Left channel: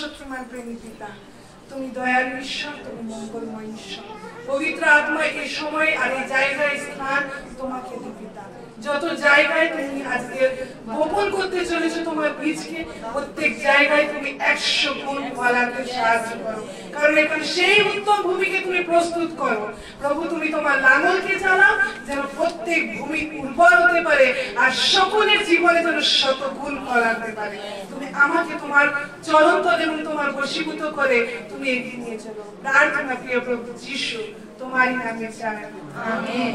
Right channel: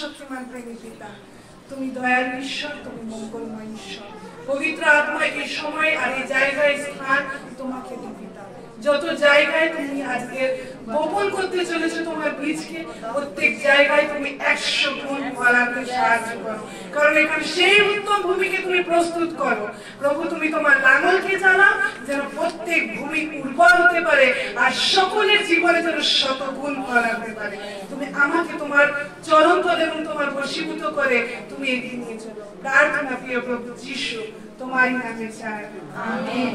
শত্রুমান প্রেমী পিতা, তুমি দয়ালু ঈশ্বর, তুমি মঙ্গলময় ঈশ্বর। পবিত্র আত্মা এই সময় আর এই জায়গায় স্থান তোমাকে দিই পিতা। যত জায়গায় তুমি আজকে বপন করতে চলেছো তোমার বীজকে, প্রত্যেক জায়গায় তুমি 100 গুণ ফলাতে সাহায্য করো, কারণ এখানে সেই উত্তম ভূমিকে তুমি প্রস্তুত করো। প্রভু, তুমি তোমার লাঙলকে চালাও যেন প্রত্যেক ভূমি উর্বর হতে পারে আর সকলের জীবনে যেন 100 গুণ ফলাতে পারে। তুমি আমাকে তোমার চরণতল এবং তোমার বশীভূত করে তুমি এগিয়ে নিয়ে চলো। প্রার্থনা প্রিয় প্রভু যিশু তোমারই নামে চাই, আমেন।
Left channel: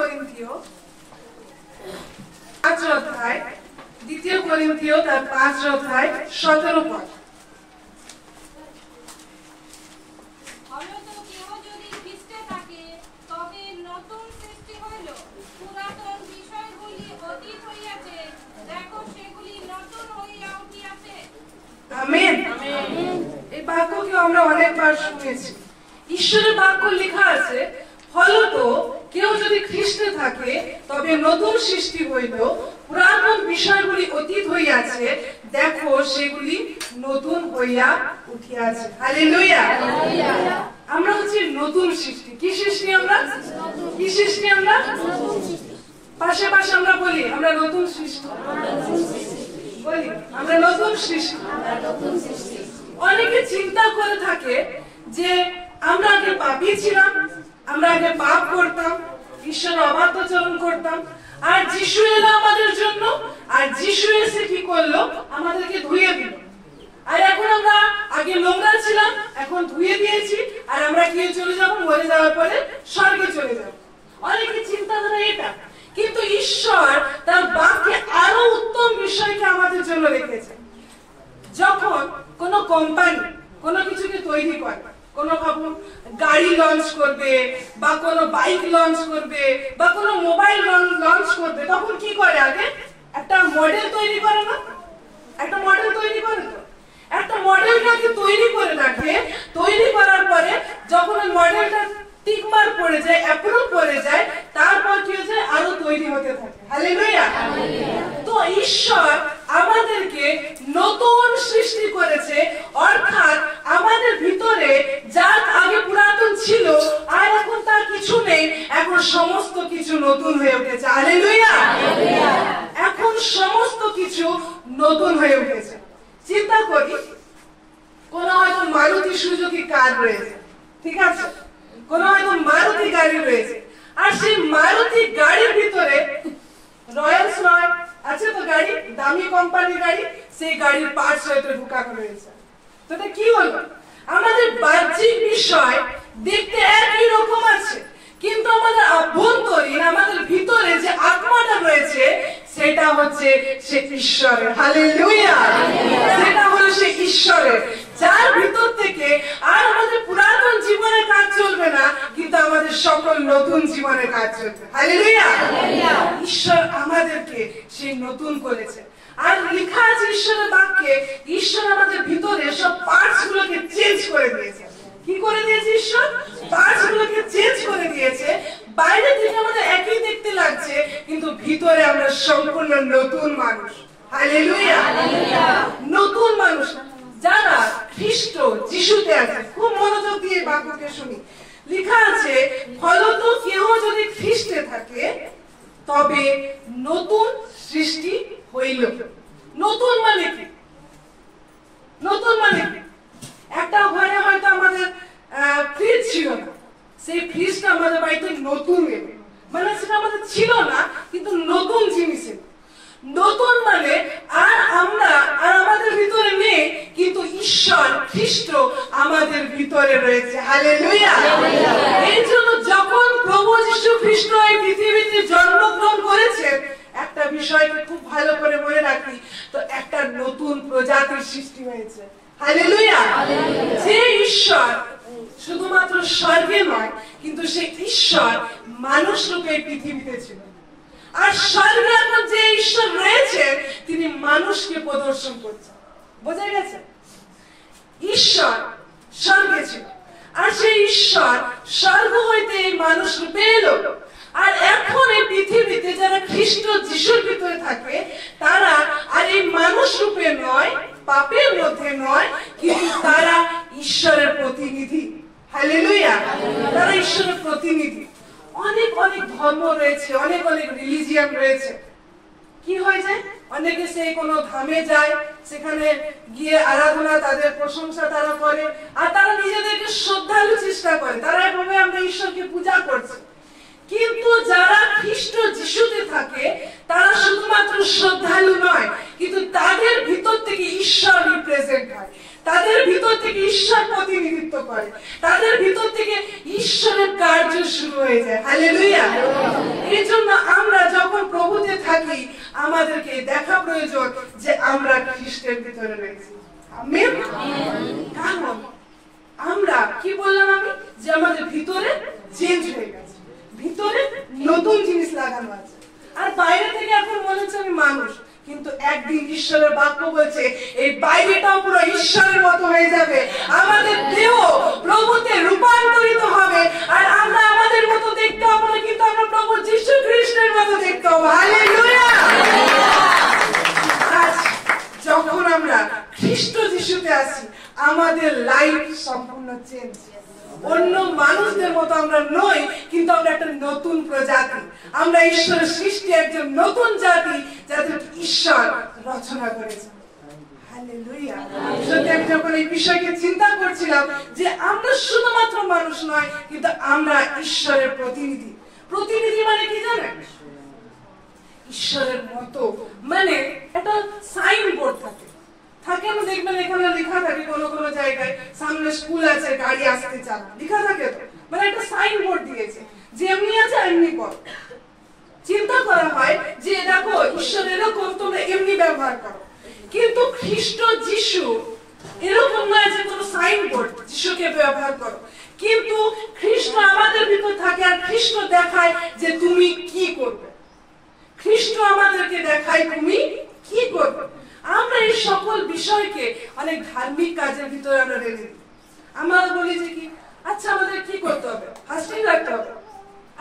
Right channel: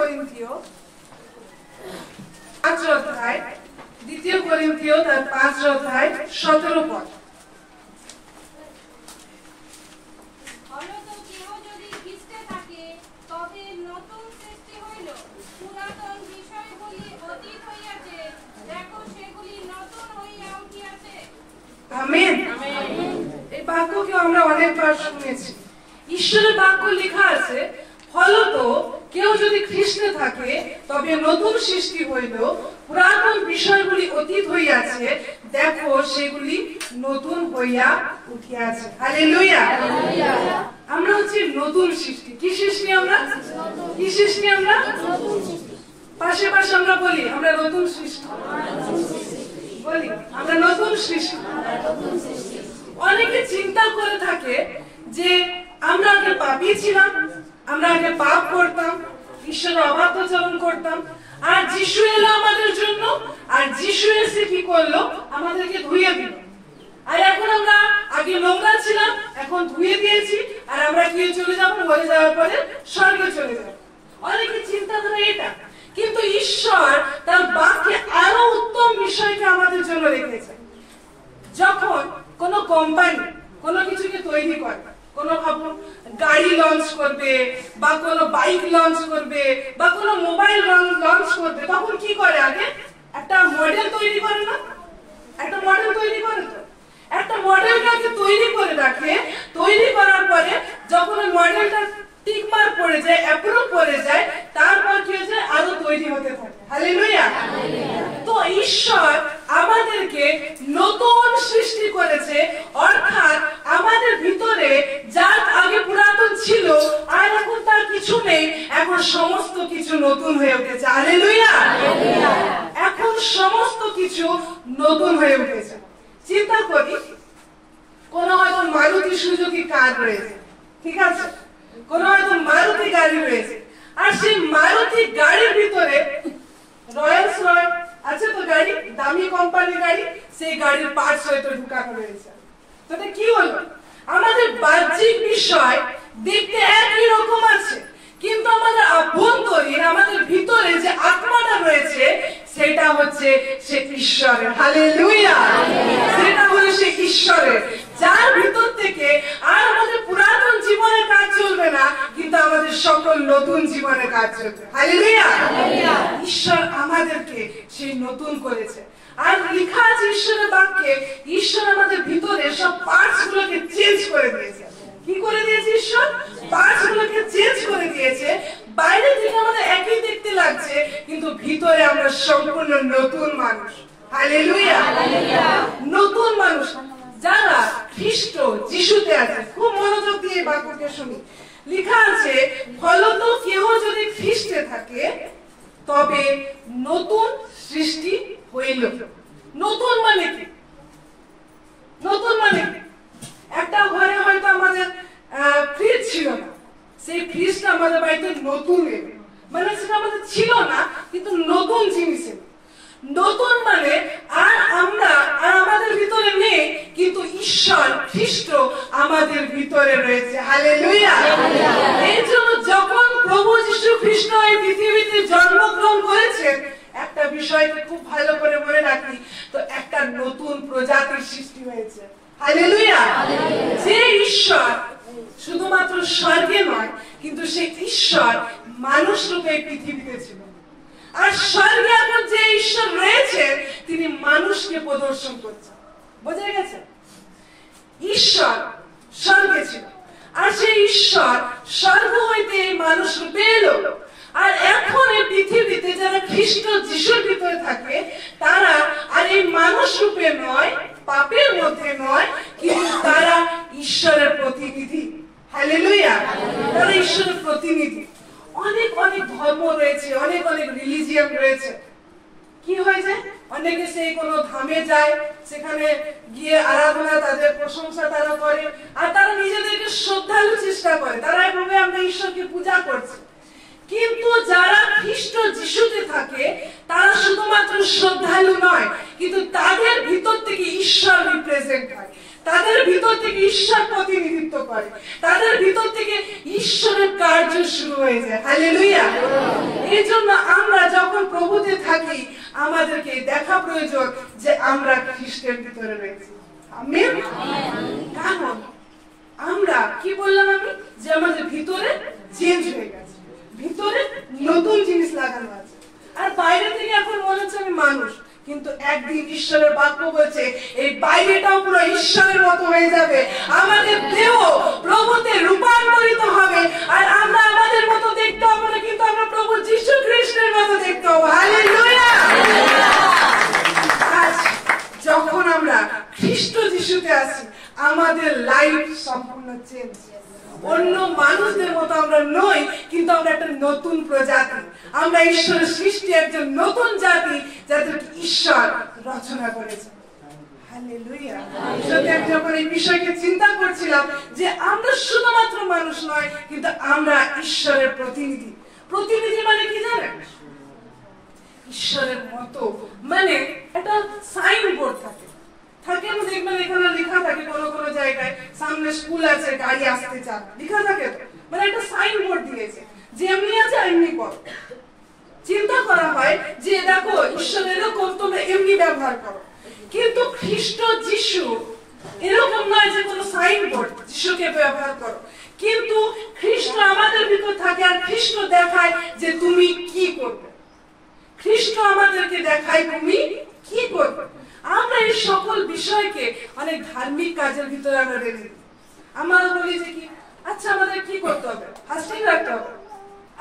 করিন্থীয় 5 অধ্যায়, দ্বিতীয় করিন্থীয় তার 5 অধ্যায় 17 পদ। আমেন। এই বাক্যকে আমরা অনেকবার শুনেছি। ঈশ্বরের বাক্য লেখা আছে, ফলত কেউ যদি খ্রিস্টে থাকে তবে নতুন সৃষ্টি হইল, পুরাতন বিষয়গুলি অতীত হইয়াছে, দেখো সেগুলি নতুন হইয়া উঠিয়াছে। হালেলুয়া। আমরা হচ্ছে নতুন সৃষ্টি। কি সৃষ্টি আমরা? কি সৃষ্টি আমরা? পাশে পাশে আমরা বলি আমরা নতুন সৃষ্টি, বলি আমরা নতুন সৃষ্টি। অনেকে চিন্তা করে থাকে যে আমরা আগে পাপী ছিলাম, আমরা আগে পাপ করতাম, ঈশ্বরের অবাধ্যাচরণ করতাম, আর যিশু এলো আমাদের জন্য, আর যিশু এসে কি করলো? আমাদেরকে ধুয়ে দিল। আর এখন আমরা আগে নোংরা ছিলাম, এখন ধুয়ে দিয়েছি, আর আমরা কি চলে যাবো? মরে যাওয়ার পরে স্বর্গে চলে যাবো। অনেকে চিন্তাধারা এটা, কিন্তু ঈশ্বর তার বাক্যে আরো উত্তম বিষয়কে আমাদের জন্য রেখেছেন। যখন কোন কোম্পানি কোন কিছুকে তৈরি করে, কোন ভাবুন গাড়ি লঞ্চ করবে বা কোন বাইক লঞ্চ করবে বা কোন মোবাইল লঞ্চ করবে, তখন কি করে? আগে একটা মডেল তৈরি করে না? একটা মডেল তৈরি করে তো, একটা মডেলকে আগে তৈরি করে রাখে। তৈরি করার পরে যখন ওই মডেলটা টিকমার পড়ে যায়, অ্যাপ্রুভ করে যায়, তারপর কি হচ্ছে? আরো তৈরি হতে থাকে। হালেলুয়া। তো ঈশ্বর আমাদেরকে নতুন সৃষ্টি করেছে, অর্থাৎ আমাদের ভিতরে যা আগে পুরাতন ছিল আর এখন তার কিছু নেই, এখন সমস্ত কিছু নতুন হয়ে উঠেছে। হালেলুয়া। এখন সমস্ত কিছু নতুন হয়ে উঠেছে। চিন্তা করি, কোন হয়তো মারুতি সুজুকি কার রয়েছে, ঠিক আছে, কোন হয়তো মারুতি গাড়ি রয়েছে, আর সেই মারুতি গাড়ির ভিতরে রয়্যালস রয় আছে তো, গাড়ি দামি কোম্পানি গাড়ি, সেই গাড়ির পার্টস হয়তো ঢুকানো রয়েছে। তো কি হলো? আমাদের বাহ্যিক বিষয় দেখতে একই রকম আছে, কিন্তু আমাদের আভ্যন্তরীণ, আমাদের ভিতরে যে আত্মাটা রয়েছে সেটা হচ্ছে সে ঈশ্বরের। হালেলুয়া। সেটা হলো সে ঈশ্বরের, যার ভিতর থেকে আর আমাদের পুরাতন জীবনের কাজ চলবে না, কিন্তু আমাদের সকল নতুন জীবনের কাজ চলবে। হালেলুয়া। ঈশ্বর আমাদেরকে সেই নতুন করেছে। আর লেখা আছে ঈশ্বরের বাক্যে, ঈশ্বর আমাদের ভিতরে সব পার্টস গুলোকে চেঞ্জ করে দিয়েছে। কি করে দিয়েছে? ঈশ্বর পার্টস গুলোকে চেঞ্জ করে দিয়েছে। বাইরে থেকে আমাদের একই দেখতে লাগছে, কিন্তু ভিতরে আমরা সম্পূর্ণ নতুন মানুষ। হালেলুয়া। নতুন মানুষ যারা খ্রিস্ট যিশুতে আছে। খুব মনোযোগ দিয়ে বাক্যকে শুনি। লেখা আছে, ফলত কেউ যদি খ্রিস্টে থাকে তবে নতুন সৃষ্টি হইল। নতুন মানে কি? নতুন মানে কি? একটা ঘরে হয়তো আমাদের ফ্রিজ ছিল না, সেই ফ্রিজটা আমাদের বাড়িতে নতুন এলো, মানে সেটা আমাদের ছিল না, কিন্তু নতুন জিনিস এলো। নতুন মানে আর আমরা আর আমাদের ভিতরে নেই, কিন্তু ঈশ্বর খ্রিস্ট আমাদের ভিতরে রয়েছে। হালেলুয়া। এই জন্য যখন প্রভু যীশু খ্রিস্ট এই পৃথিবীতে জন্মগ্রহণ করেছেন, একটা বিষয়কে খুব ভালো করে মনে রাখি, তো একটা নতুন প্রজাতির সৃষ্টি হয়েছে। হালেলুয়া। যে ঈশ্বর শুধুমাত্র স্বর্গে নয়, কিন্তু সেই ঈশ্বর মানুষ রূপে পৃথিবীতে ছিল। আর স্বর্গে এখন যে ঈশ্বর রয়েছে, তিনি মানুষকে প্রদর্শন করছেন। বোঝা গেছে? ঈশ্বর স্বর্গে ছিল, আর সেই ঈশ্বর স্বর্গ হইতে মানুষ রূপে এলো। আর এখন এই পৃথিবীতে যারা খ্রিস্ট যিশুর ভিতরে থাকে, তারা আর এই মানুষ রূপে নয়, পাপের মধ্যে নয়, কিন্তু তারা ঈশ্বরের প্রতিনিধি। হালেলুয়া! তারা ঈশ্বরের প্রতিনিধি। অনেক অনেক ধর্ম রয়েছে, অনেক অনেক রিলিজিয়ান রয়েছে। কি হয়ে যায়, অনেকে সেই কোনো ধামে যায়, সেখানে গিয়ে আরাধনা, তাদের প্রশংসা তারা করে, আর তারা নিজেদেরকে শ্রদ্ধালু চেষ্টা করে, তারা এভাবে আমরা ঈশ্বরকে পূজা করছি। কিন্তু যারা খ্রিস্ট যিশুতে থাকে তারা শুধুমাত্র শ্রদ্ধালু নয়, কিন্তু তাদের ভিতর থেকে ঈশ্বর রিপ্রেজেন্ট হয়, তাদের ভিতর থেকে ঈশ্বর প্রতিনিধিত্ব করে, তাদের ভিতর থেকে ঈশ্বরের কার্য শুরু হয়ে যায়। হালেলুয়া! এই জন্য আমরা যখন প্রভুতে থাকি আমাদেরকে দেখা প্রয়োজন যে আমরা খ্রিস্টের ভিতরে রয়েছি। আমেন। কারণ আমরা কি বললাম আমি, যে আমাদের ভিতরে চেঞ্জ হয়ে গেছে, ভিতরে নতুন জিনিস লাগানো আছে। আর বাইরে থেকে এখন মনে হচ্ছে আমি মানুষ, কিন্তু একদিন ঈশ্বরের বাক্য বলছে এই বাইরেটাও পুরো ঈশ্বরের মতো হয়ে যাবে, আমাদের দেহ প্রভুতে রূপান্তরিত হবে, আর আমরা আমাদের মতো দেখতে হবে না, কিন্তু আমরা প্রভু যীশু খ্রিস্টের মতো দেখতে হবে। হালেলুয়া! যখন আমরা খ্রিস্ট যিশুতে আছি আমাদের লাইফ সম্পূর্ণ চেঞ্জ। অন্য মানুষদের মতো আমরা নই, কিন্তু আমরা একটা নতুন প্রজাতি, আমরা ঈশ্বরের সৃষ্টি, একজন নতুন জাতি যাদের ঈশ্বর রচনা করেছেন। হালেলুয়া! যখন এই বিষয়কে চিন্তা করছিলাম যে আমরা শুধুমাত্র মানুষ নয়, কিন্তু আমরা ঈশ্বরের প্রতিনিধি। প্রতিনিধি মানে কি জানেন? ঈশ্বরের মতো, মানে একটা সাইনবোর্ড থাকে, আপনি দেখবেন এখানে লেখা থাকে কোনো কোনো জায়গায়, সামনে স্কুল আছে, গাড়ি আসতে চান, লেখা থাকে তো, মানে একটা সাইনবোর্ড দিয়েছে যে এমনি আছে এমনি করো। চিন্তা করা হয় যে দেখো ঈশ্বর এরকম, তোমরা এমনি ব্যবহার করো। কিন্তু খ্রিস্ট যিশু এরকম নয় যে কোনো সাইনবোর্ড যিশুকে ব্যবহার করো, কিন্তু খ্রিস্ট আমাদের ভিতর থাকে, আর খ্রিস্ট দেখায় যে তুমি কি করবে। খ্রিস্ট আমাদেরকে দেখায় তুমি কি করবে। আমরা এই সকল বিষয়কে অনেক ধার্মিক কাজের ভিতরে আমরা রেখে দিই। আমরা বলি যে কি, আচ্ছা আমাদের কি করতে হবে, ফাস্টিং রাখতে হবে,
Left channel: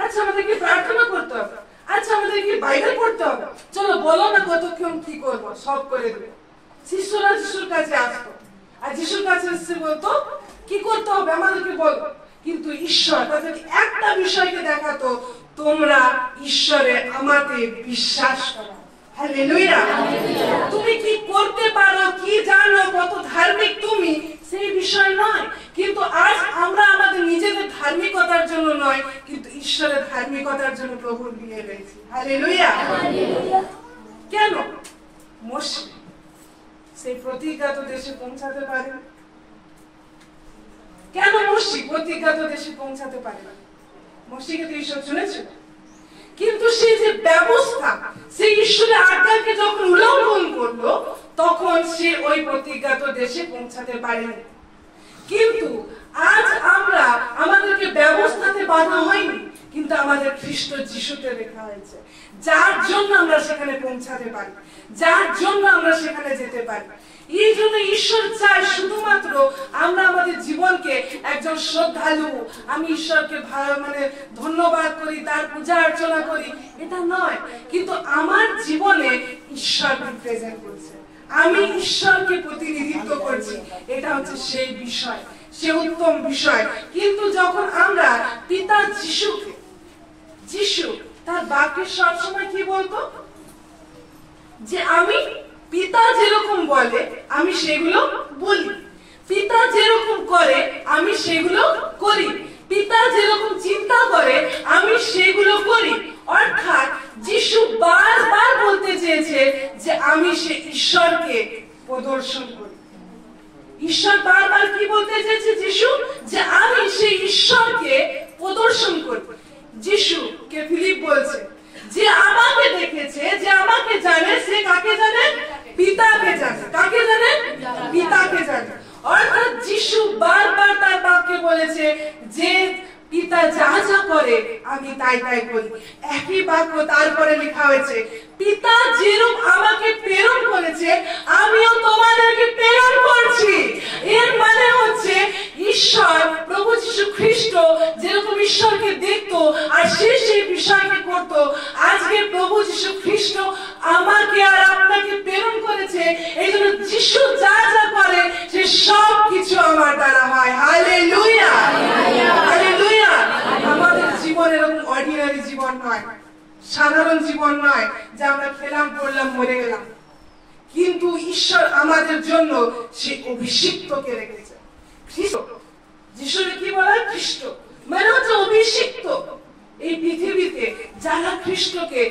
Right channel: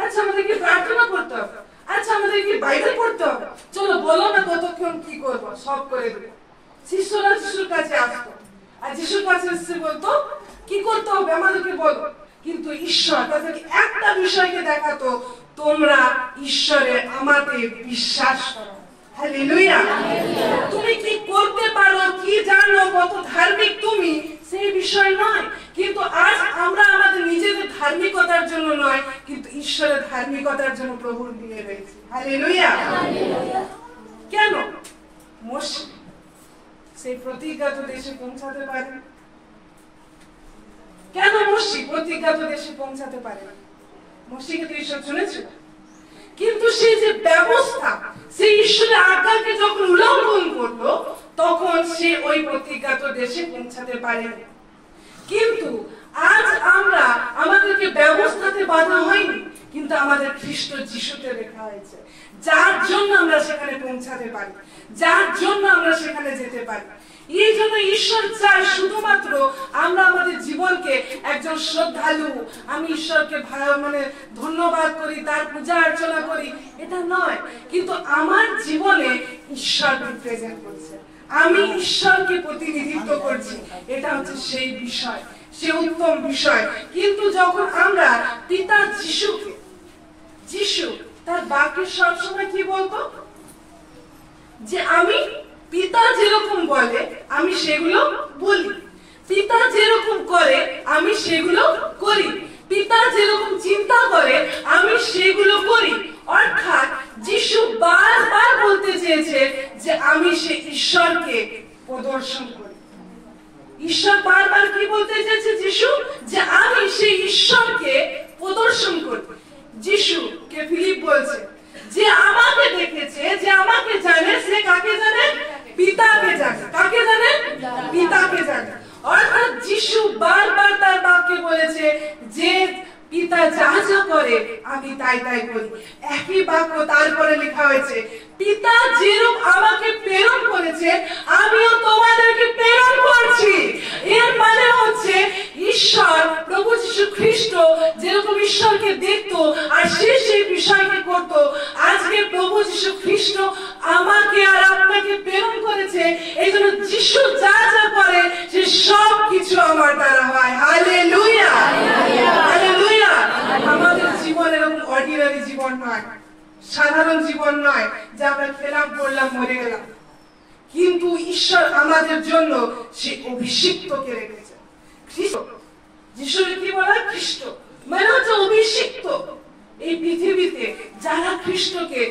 আচ্ছা আমাদের কি প্রার্থনা করতে হবে, আচ্ছা আমাদের কি বাইবেল পড়তে হবে, চলো বলো না কতক্ষণ কি করবো, সব করে দেবে। শিষ্যরা যিশুর কাছে আসতো, আর যিশুর কাছে এসে বলতো কি করতে হবে আমাদেরকে বলো। কিন্তু ঈশ্বর তাদেরকে একটা বিষয়কে দেখাতো, তোমরা ঈশ্বরে আমাকে বিশ্বাস করো। হালেলুয়া! তুমি কি করতে পারো, কি জানো, কত ধার্মিক তুমি, সেই বিষয় নয়, কিন্তু আজ আমরা আমাদের নিজেদের ধার্মিকতার জন্য নয়, কিন্তু ঈশ্বরের ধার্মিকতার জন্য প্রভুর নিয়ে রয়েছি। হালেলুয়া! কেন মোশে সেই প্রতিজ্ঞাত দেশে পৌঁছাতে পারে? কেন মোশে প্রতিজ্ঞাত দেশে পৌঁছাতে পারে না? মোশেকে তো ঈশ্বর শুনেছিল, কিন্তু সেই যে ব্যবস্থা, সেই ঈশ্বরের আজ্ঞাকে যখন উল্লঙ্ঘন করলো তখন সে ওই প্রতিজ্ঞাত দেশে পৌঁছাতে পারেনি। কিন্তু আজ আমরা, আমাদেরকে ব্যবস্থাতে বাধা হয়নি, কিন্তু আমাদের খ্রিস্ট যিশুতে লেখা হয়েছে, যার জন্য আমরা সেখানে পৌঁছাতে পারি, যার জন্য আমরা সেখানে যেতে পারি। এই জন্য ঈশ্বর চায় শুধুমাত্র আমরা আমাদের জীবনকে একজন শ্রদ্ধালু, আমি ঈশ্বরকে মানে ধন্যবাদ করি, তার পূজা অর্চনা করি, এটা নয়, কিন্তু আমার জীবনে ঈশ্বর রিপ্রেজেন্ট করছে, আমি ঈশ্বরকে প্রতিনিধিত্ব করছি, এটা হচ্ছে সেই বিষয়, সে উত্তম বিষয়। কিন্তু যখন আমরা পিতা যিশুকে, যিশু তার বাক্যে সবসময় কি বলতো, যে আমি পিতা যেরকম বলে আমি সেগুলো বলি, পিতা যেরকম করে আমি সেগুলো করি, পিতা যেরকম চিন্তা করে আমি সেগুলো করি। অর্থাৎ যিশু বারবার বলতে চেয়েছে যে আমি সে ঈশ্বরকে প্রদর্শন করি। ঈশ্বর বারবার কি বলতে চেয়েছে যিশু, যে আমি সেই ঈশ্বরকে প্রদর্শন করি। যিশুকে ফিলিপ বলছে যে আমাকে দেখেছে, যে আমাকে জানে, সে কাকে জানে? পিতাকে জানে। কাকে জানে? পিতাকে জানে। অর্থাৎ যিশু বারবার তার বাক্যে বলেছে যে পিতা যা যা করে আমি তাই তাই করি। একই বাক্য তারপরে লেখা হয়েছে, পিতা যেরূপ আমাকে প্রেরণ করেছে আমিও তোমাদেরকে প্রেরণ করছি। এর মানে হচ্ছে ঈশ্বর, প্রভু যীশু খ্রিস্ট যেরকম ঈশ্বরকে দেখতো আর সে সেই বিষয়কে করতো, আজকে প্রভু যীশু খ্রিস্ট আমাকে আর আপনাকে প্রেরণ করেছে। এই জন্য ঈশ্বর যা যা করে সে সব কিছু আমার দ্বারা হয়। Hallelujah, hallelujah. আমাদের জীবন এরকম অর্ডিনারি জীবন নয়, সাধারণ জীবন নয় যে আমরা খেলাম পড়লাম মরে গেলাম, কিন্তু ঈশ্বর আমাদের জন্য সে অভিষিক্তকে রেখেছে। খ্রিস্ট, যিশুকে কি বলা হয়? খ্রিস্ট মানে হচ্ছে অভিষিক্ত। এই পৃথিবীতে যারা খ্রিস্টকে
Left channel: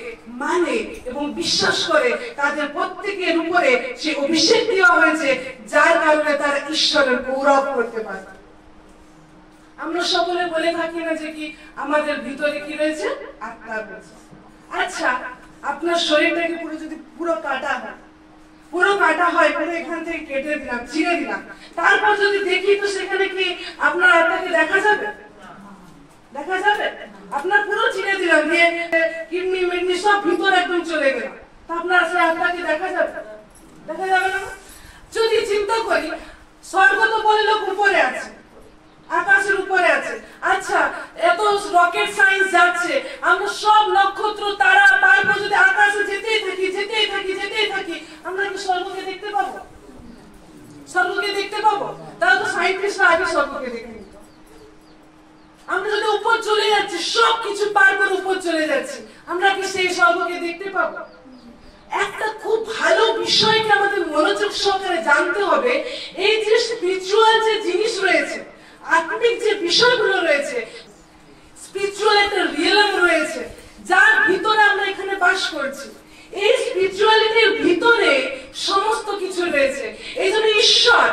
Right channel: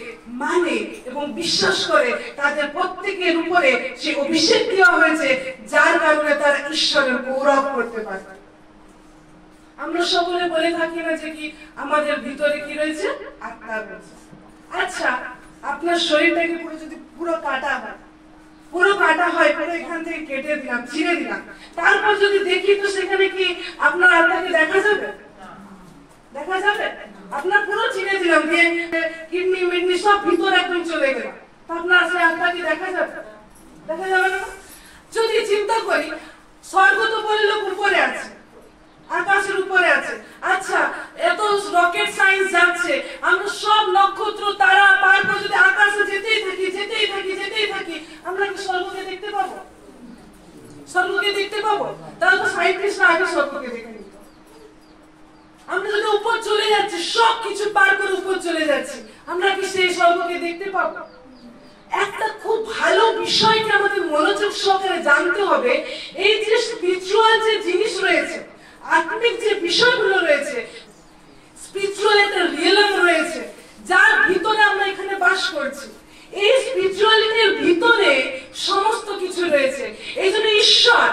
মানে এবং বিশ্বাস করে তাদের প্রত্যেকের উপরে সে অভিষেক দেওয়া হয়েছে, যার কারণে তারা ঈশ্বরের গৌরব করতে পারে। আমরা সকলে বলে থাকি না যে কি আমাদের ভিতরে কি রয়েছে? আত্মা রয়েছে। আচ্ছা, আপনার শরীরটাকে পুরো যদি পুরো কাটা হয়, পুরো এখান থেকে কেটে দিলাম, ছিঁড়ে দিলাম, তারপর যদি দেখি তো সেখানে কি আপনার আত্মাকে দেখা যাবে? দেখা যাবে? আপনার পুরো ছিঁড়ে দিলাম, দিয়ে কিডনি মিডনি সব ভিতরে একদম চলে গেল, তা আপনার আসলে আত্মাকে দেখা যাবে? দেখা যাবে না। যদি চিন্তা করি, স্বর্গ তো বলে লোক উপরে আছে, আকাশের উপরে আছে। আচ্ছা, এত রকেট সায়েন্স যাচ্ছে, আমরা সব নক্ষত্র তারা পার করে যদি আকাশে যেতেই থাকি, আমরা কি স্বর্গকে দেখতে পাবো? স্বর্গকে দেখতে পাবো? তাহলে তো সায়েন্টিস্টরা আগে স্বর্গকে দেখে নিত। আমরা যদি উপর চলে যাচ্ছি, সবকিছু পার করে উপর চলে যাচ্ছি, আমরা কি সেই স্বর্গকে দেখতে পাবো? একটা খুব ভালো বিষয়কে আমাদের মনোযোগ সহকারে জানতে হবে। এই যে স্পিরিচুয়াল যে জিনিস রয়েছে, আত্মিক যে বিষয়গুলো রয়েছে, স্পিরিচুয়াল একটা রিয়েলম রয়েছে যার ভিতরে আমরা এখানে বাস করছি। এই স্পিরিচুয়ালিটির ভিতরে সমস্ত কিছু রয়েছে। এই জন্য ঈশ্বর,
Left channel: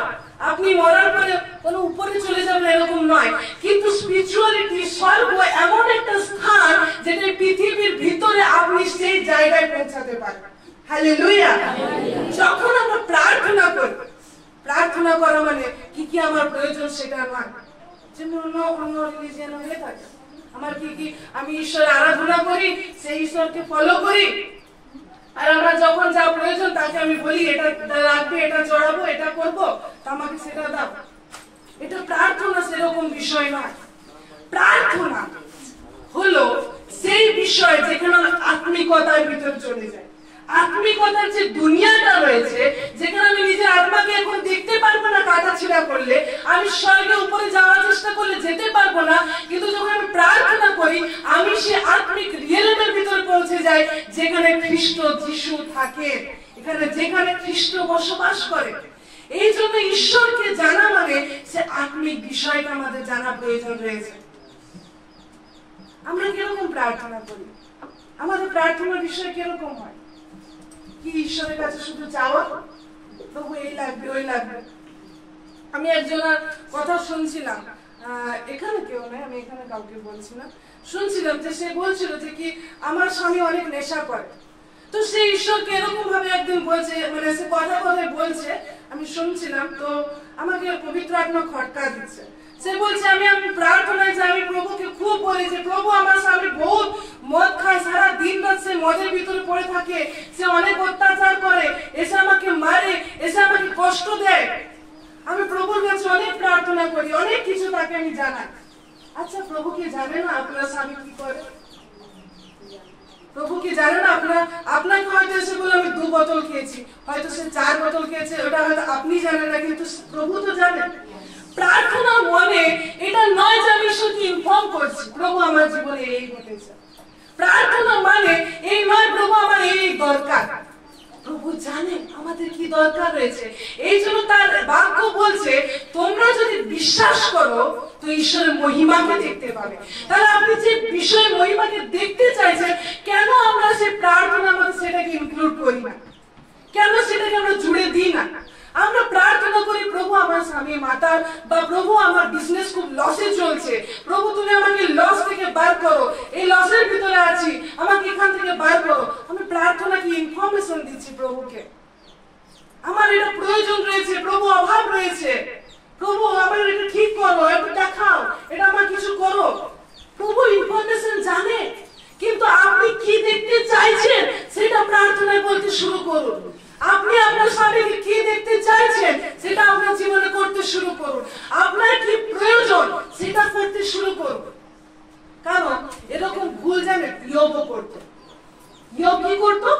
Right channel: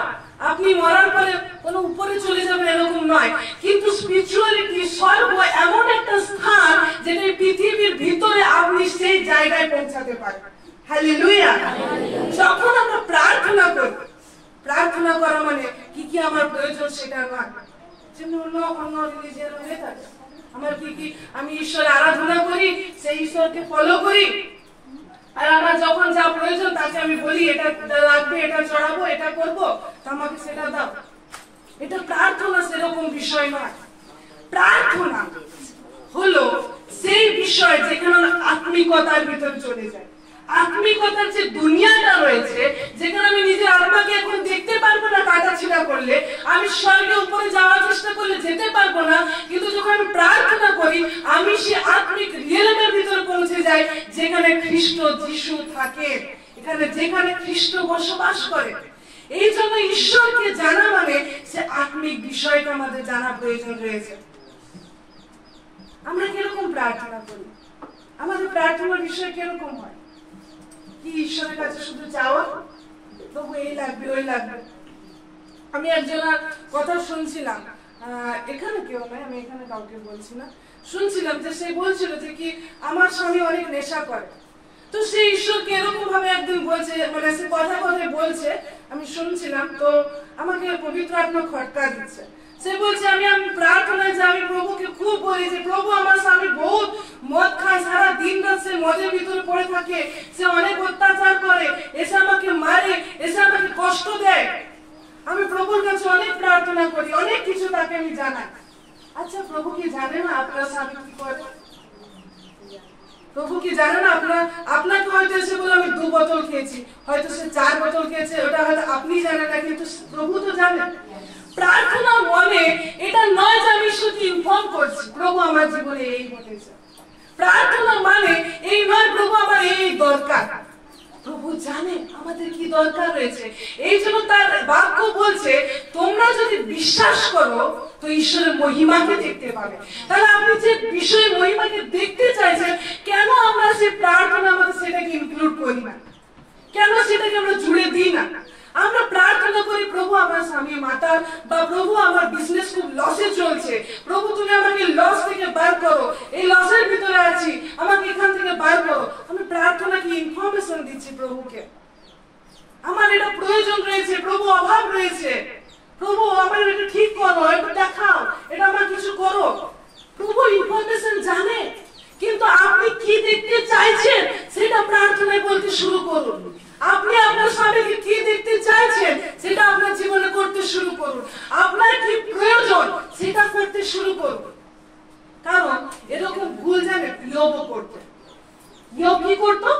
আপনি মরার পরে কোনো উপরে চলে যাবেন এরকম নয়, কিন্তু স্পিরিচুয়ালিটি স্বর্গ এমন একটা স্থান যেটা পৃথিবীর ভিতরে আপনি সেই জায়গায় পৌঁছাতে পারেন। হালেলুয়া। যখন আমরা প্রার্থনা করি, প্রার্থনা করা মানে কি কি আমার প্রয়োজন সেটা নয়, অন্য রিলিজিয়ান হয়ে থাকে। আমার কি কি আমি ঈশ্বরের আরাধনা করি, সেই ঈশ্বরকে ফলো করি, আর আমার যখন যা প্রয়োজন তাকে আমি বলি এটা লাগবে, এটা চড়াবো, এটা করবো, আমাকে সেটা দাও। এটা প্রার্থনা সেরকম বিষয় নয়। প্রার্থনা হলো সেই বিষয় যেখানে আত্মিকতার ভিতরে চলে যায়। আত্মিকতার যে দুনিয়াটা রয়েছে, যেখানে আমি নিজের আত্মাকে এখন দেখতে পারবো না, কাটা ছিঁড়া করলে আমি স্বর্গের উপরে যাওয়ার চেষ্টা করলে যেতে পারবো না, কিন্তু যখন আমি প্রার্থনা করি আমি সে আত্মিক রিয়েলমের ভিতরে পৌঁছে যাই যেখানে খ্রিস্ট যিশু থাকে, যেখানে খ্রিস্ট বসবাস করে। এই জন্য ঈশ্বরকে জানা মানে সে আত্মিক বিষয়টা আমাদের জানা প্রয়োজন রয়েছে। আমরা কিরকম প্রার্থনা করি? আমাদের প্রার্থনার বিষয় কিরকম হয়? কি ঈশ্বরের কাছে শুধু চাওয়া, প্রভু এই লাগবে ওই লাগবে? আমি একজনের কথা শুনছিলাম, এখানে কেউ নাই, আমি এখানে কাউকে বলছি না, শুনছিলাম যে সে বলছিল যে কি আমার স্বামী অনেক নেশা করে, তো সে ঈশ্বরকে এরকম ভাবে একদিন বলছে, মানে সে কথায় বলছে, আমি শুনছিলাম, তো আমাকে পবিত্র আত্মা খটকা দিচ্ছে। সে বলছে আমি প্রার্থনায় যে আমি প্রভুকে খুব বলি যে প্রভু আমার স্বামী বহুত মদ খায়, সারা দিন রাত সে মদের ভিতরে পড়ে থাকে, সে অনেক অত্যাচার করে, এসে আমাকে মারে, এসে আমাকে কষ্ট দেয়। আমি প্রভুর কাছে অনেক প্রার্থনা করি, অনেক কিছু তাকে আমি জানাই। আচ্ছা, প্রভু কি জানে না আপনার স্বামী কি করে? প্রভু কি জানে না আপনাকে হয়তো এসে বলে আমি 2 বোতল খেয়েছি, হয়তো সে 4 বোতল খেয়েছে, ওটা হয়তো আপনি জানেন না, কিন্তু প্রভু তো জানেন। প্রার্থনা মনে এটা নয় যে আমি ঈশ্বরকে ইনফর্ম করছি প্রভু আমার জীবনে এই ঘটেছে। প্রার্থনা মানে এই নয় প্রভু আমার এই দরকার। প্রভু জানে আমাদের কি দরকার রয়েছে, এই জন্য তার বাক্য বলছে তোমরা যদি বিশ্বাস করো তো ঈশ্বরের মহিমাকে দেখতে পাবে। তাহলে আপনি যে বিষয়ে মহিমাকে দেখতে চাইছেন, কেন আমরা সেই প্রার্থনা আমাদের সেটাকে ইনক্লুড করি না? কেন সেটাকে আমরা জুড়ে দিই না? আমরা প্রার্থনা করি প্রভু আমার স্বামী মাতার, বা প্রভু আমার বিজনেস খুব লসে চলছে, প্রভু তুমি আমাকে লস থেকে বার করো, এই লসের ভিতরে আছি, আমাকে এখান থেকে বার করো। আমি প্রার্থনা কি ইনফরমেশন দিচ্ছি প্রভুকে, আমার এটা প্রয়োজন রয়েছে, প্রভু অভাব রয়েছে, প্রভু আমার এটা ঠিক করো, এটা দেখাও, এটা আমার কিছু করো। প্রভু ইনফরমেশন জানে, কিন্তু আপনি কি দেখতে চাইছেন সেটা প্রার্থনায় বলতে শুরু করুন। আপনি আপনার স্বামীকে কি দেখতে চাইছেন সেটা আপনার জীবনে করতে শুরু করুন। আপনার কি প্রয়োজন সেটা করতে শুরু করুন। কারণ এরকম ভুল জানে ইয়োবও করতো। ইয়ো কি করতো,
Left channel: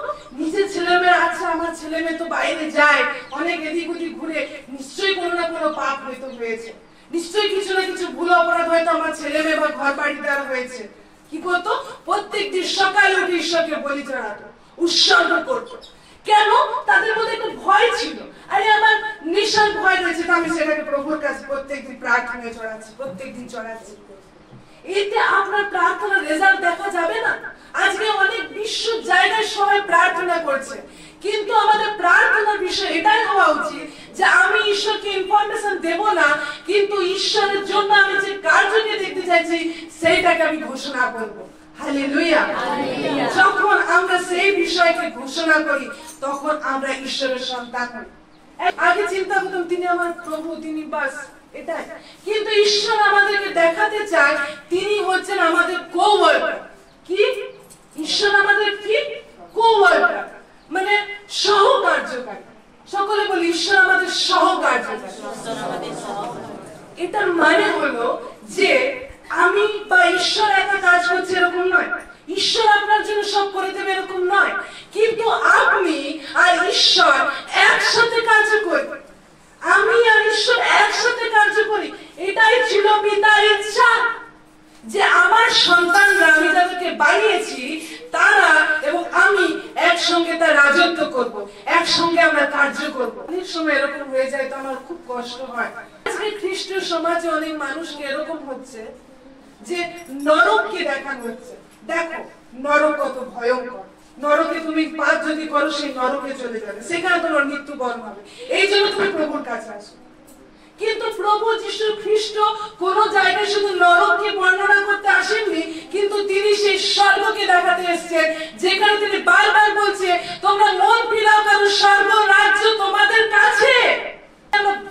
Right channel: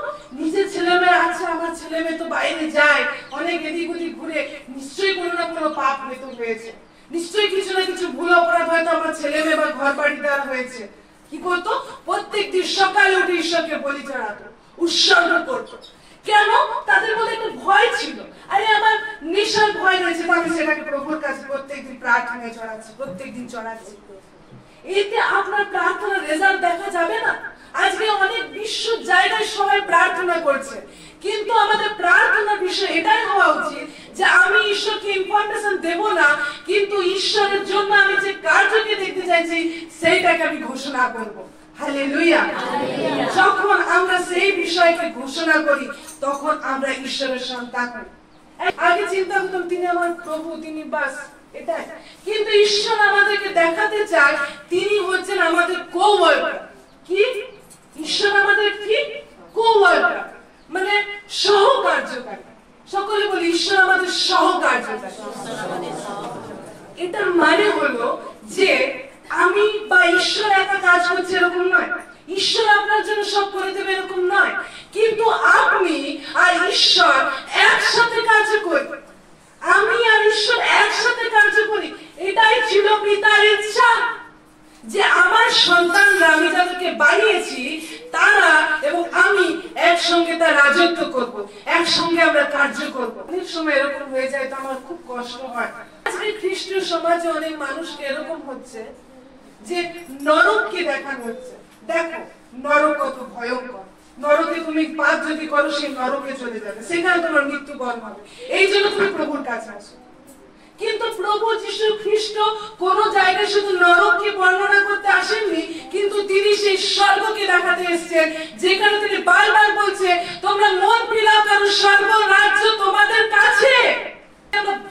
নিজের ছেলে মেয়ে আছে, আমার ছেলে মেয়ে তো বাইরে যায়, অনেক এদিক ওদিক ঘুরে, নিশ্চয়ই কোনো না কোনো পাপ হয়তো হয়েছে, নিশ্চয়ই কিছু না কিছু ভুল অপরাধ হয়তো আমার ছেলে মেয়ে বা ঘর বাড়ি দেওয়া হয়েছে। কি করতো, প্রত্যেকদিন সকালে উঠে ঈশ্বরকে বলি চড়াতো, উৎসর্গ করতো। কেন? তাদের মধ্যে একটা ভয় ছিল, আরে আমার নিশ্চয় ভয় রয়েছে, তো আমি সেটাকে প্রভুর কাছে প্রত্যেকদিন প্রার্থনায় চড়াচ্ছি, প্রত্যেকদিন চড়াচ্ছি। এতে আপনার প্রার্থনার রেজাল্ট দেখা যাবে না? আজকে অনেক বিশ্ব জায়গায় সবাই প্রার্থনা করছে, কিন্তু আমাদের প্রার্থনার বিষয় এটাই হওয়া উচিত যে আমি ঈশ্বরকে ইনফরমেশন দেব না, কিন্তু ঈশ্বরের জন্য আমি যে কার্যকে দেখতে চাইছি সেইটাকে আমি ঘোষণা করব। হালেলুয়া। যখন আমরা সেই বিষয়কে ঘোষণা করি তখন আমরা ঈশ্বরের সন্তান হই। আগে চিন্তা করতাম তিনি আমার প্রভু, তিনি বাস এটাই, কিন্তু ঈশ্বর আমাদেরকে দেখাতে চায় তিনি হচ্ছেন আমাদের কোওয়ার্কার। কি? ঈশ্বর আমাদের কি? কোওয়ার্কার, মানে সহকার্যকারী। সকলে বলি ঈশ্বর আমাদের সহকার্যকারী। এটার মানে হলো যে আমি বা ঈশ্বর একা কাজ করছে এরকম নয়, ঈশ্বর আপনার জন্য সব করে দেবে এরকম নয়, কিন্তু আপনি আর ঈশ্বর একসাথে কাজ করি, আমি আর ঈশ্বর একসাথে কার্য করি। এটাই ছিল পিতার ইচ্ছা যে আমার সন্তানরা, আমি যাদেরকে বানিয়েছি তারা এবং আমি একসঙ্গে তার রাজত্ব করব, একসঙ্গে আমরা কার্য করব। অনেক সময় এরকম হয়ে যায় তো আমার খুব কষ্ট হয়। আজকে খ্রিস্টীয় সমাজে অনেক মানুষকে এরকম হচ্ছে যে নরককে দেখানো হচ্ছে, দেখো নরক কত ভয়ঙ্কর, নরকে তুমি পাপ যদি করো সেই নরকে চলে যাবে, সেখানে তোমার মৃত্যুবরণ হবে, এই জন্য তুমি প্রভুর কাছে আসো। কিন্তু প্রভু যীশু খ্রিস্ট কোন জায়গায় শুধু নরককে বর্ণনা করতে আসেননি, কিন্তু তিনি সেই স্বর্গকে দেখাতে এসেছেন, যেখানে তিনি বারবার বলছে তোমরা মন ফিরাও কারণ স্বর্গ রাজ্য তোমাদের কাছে।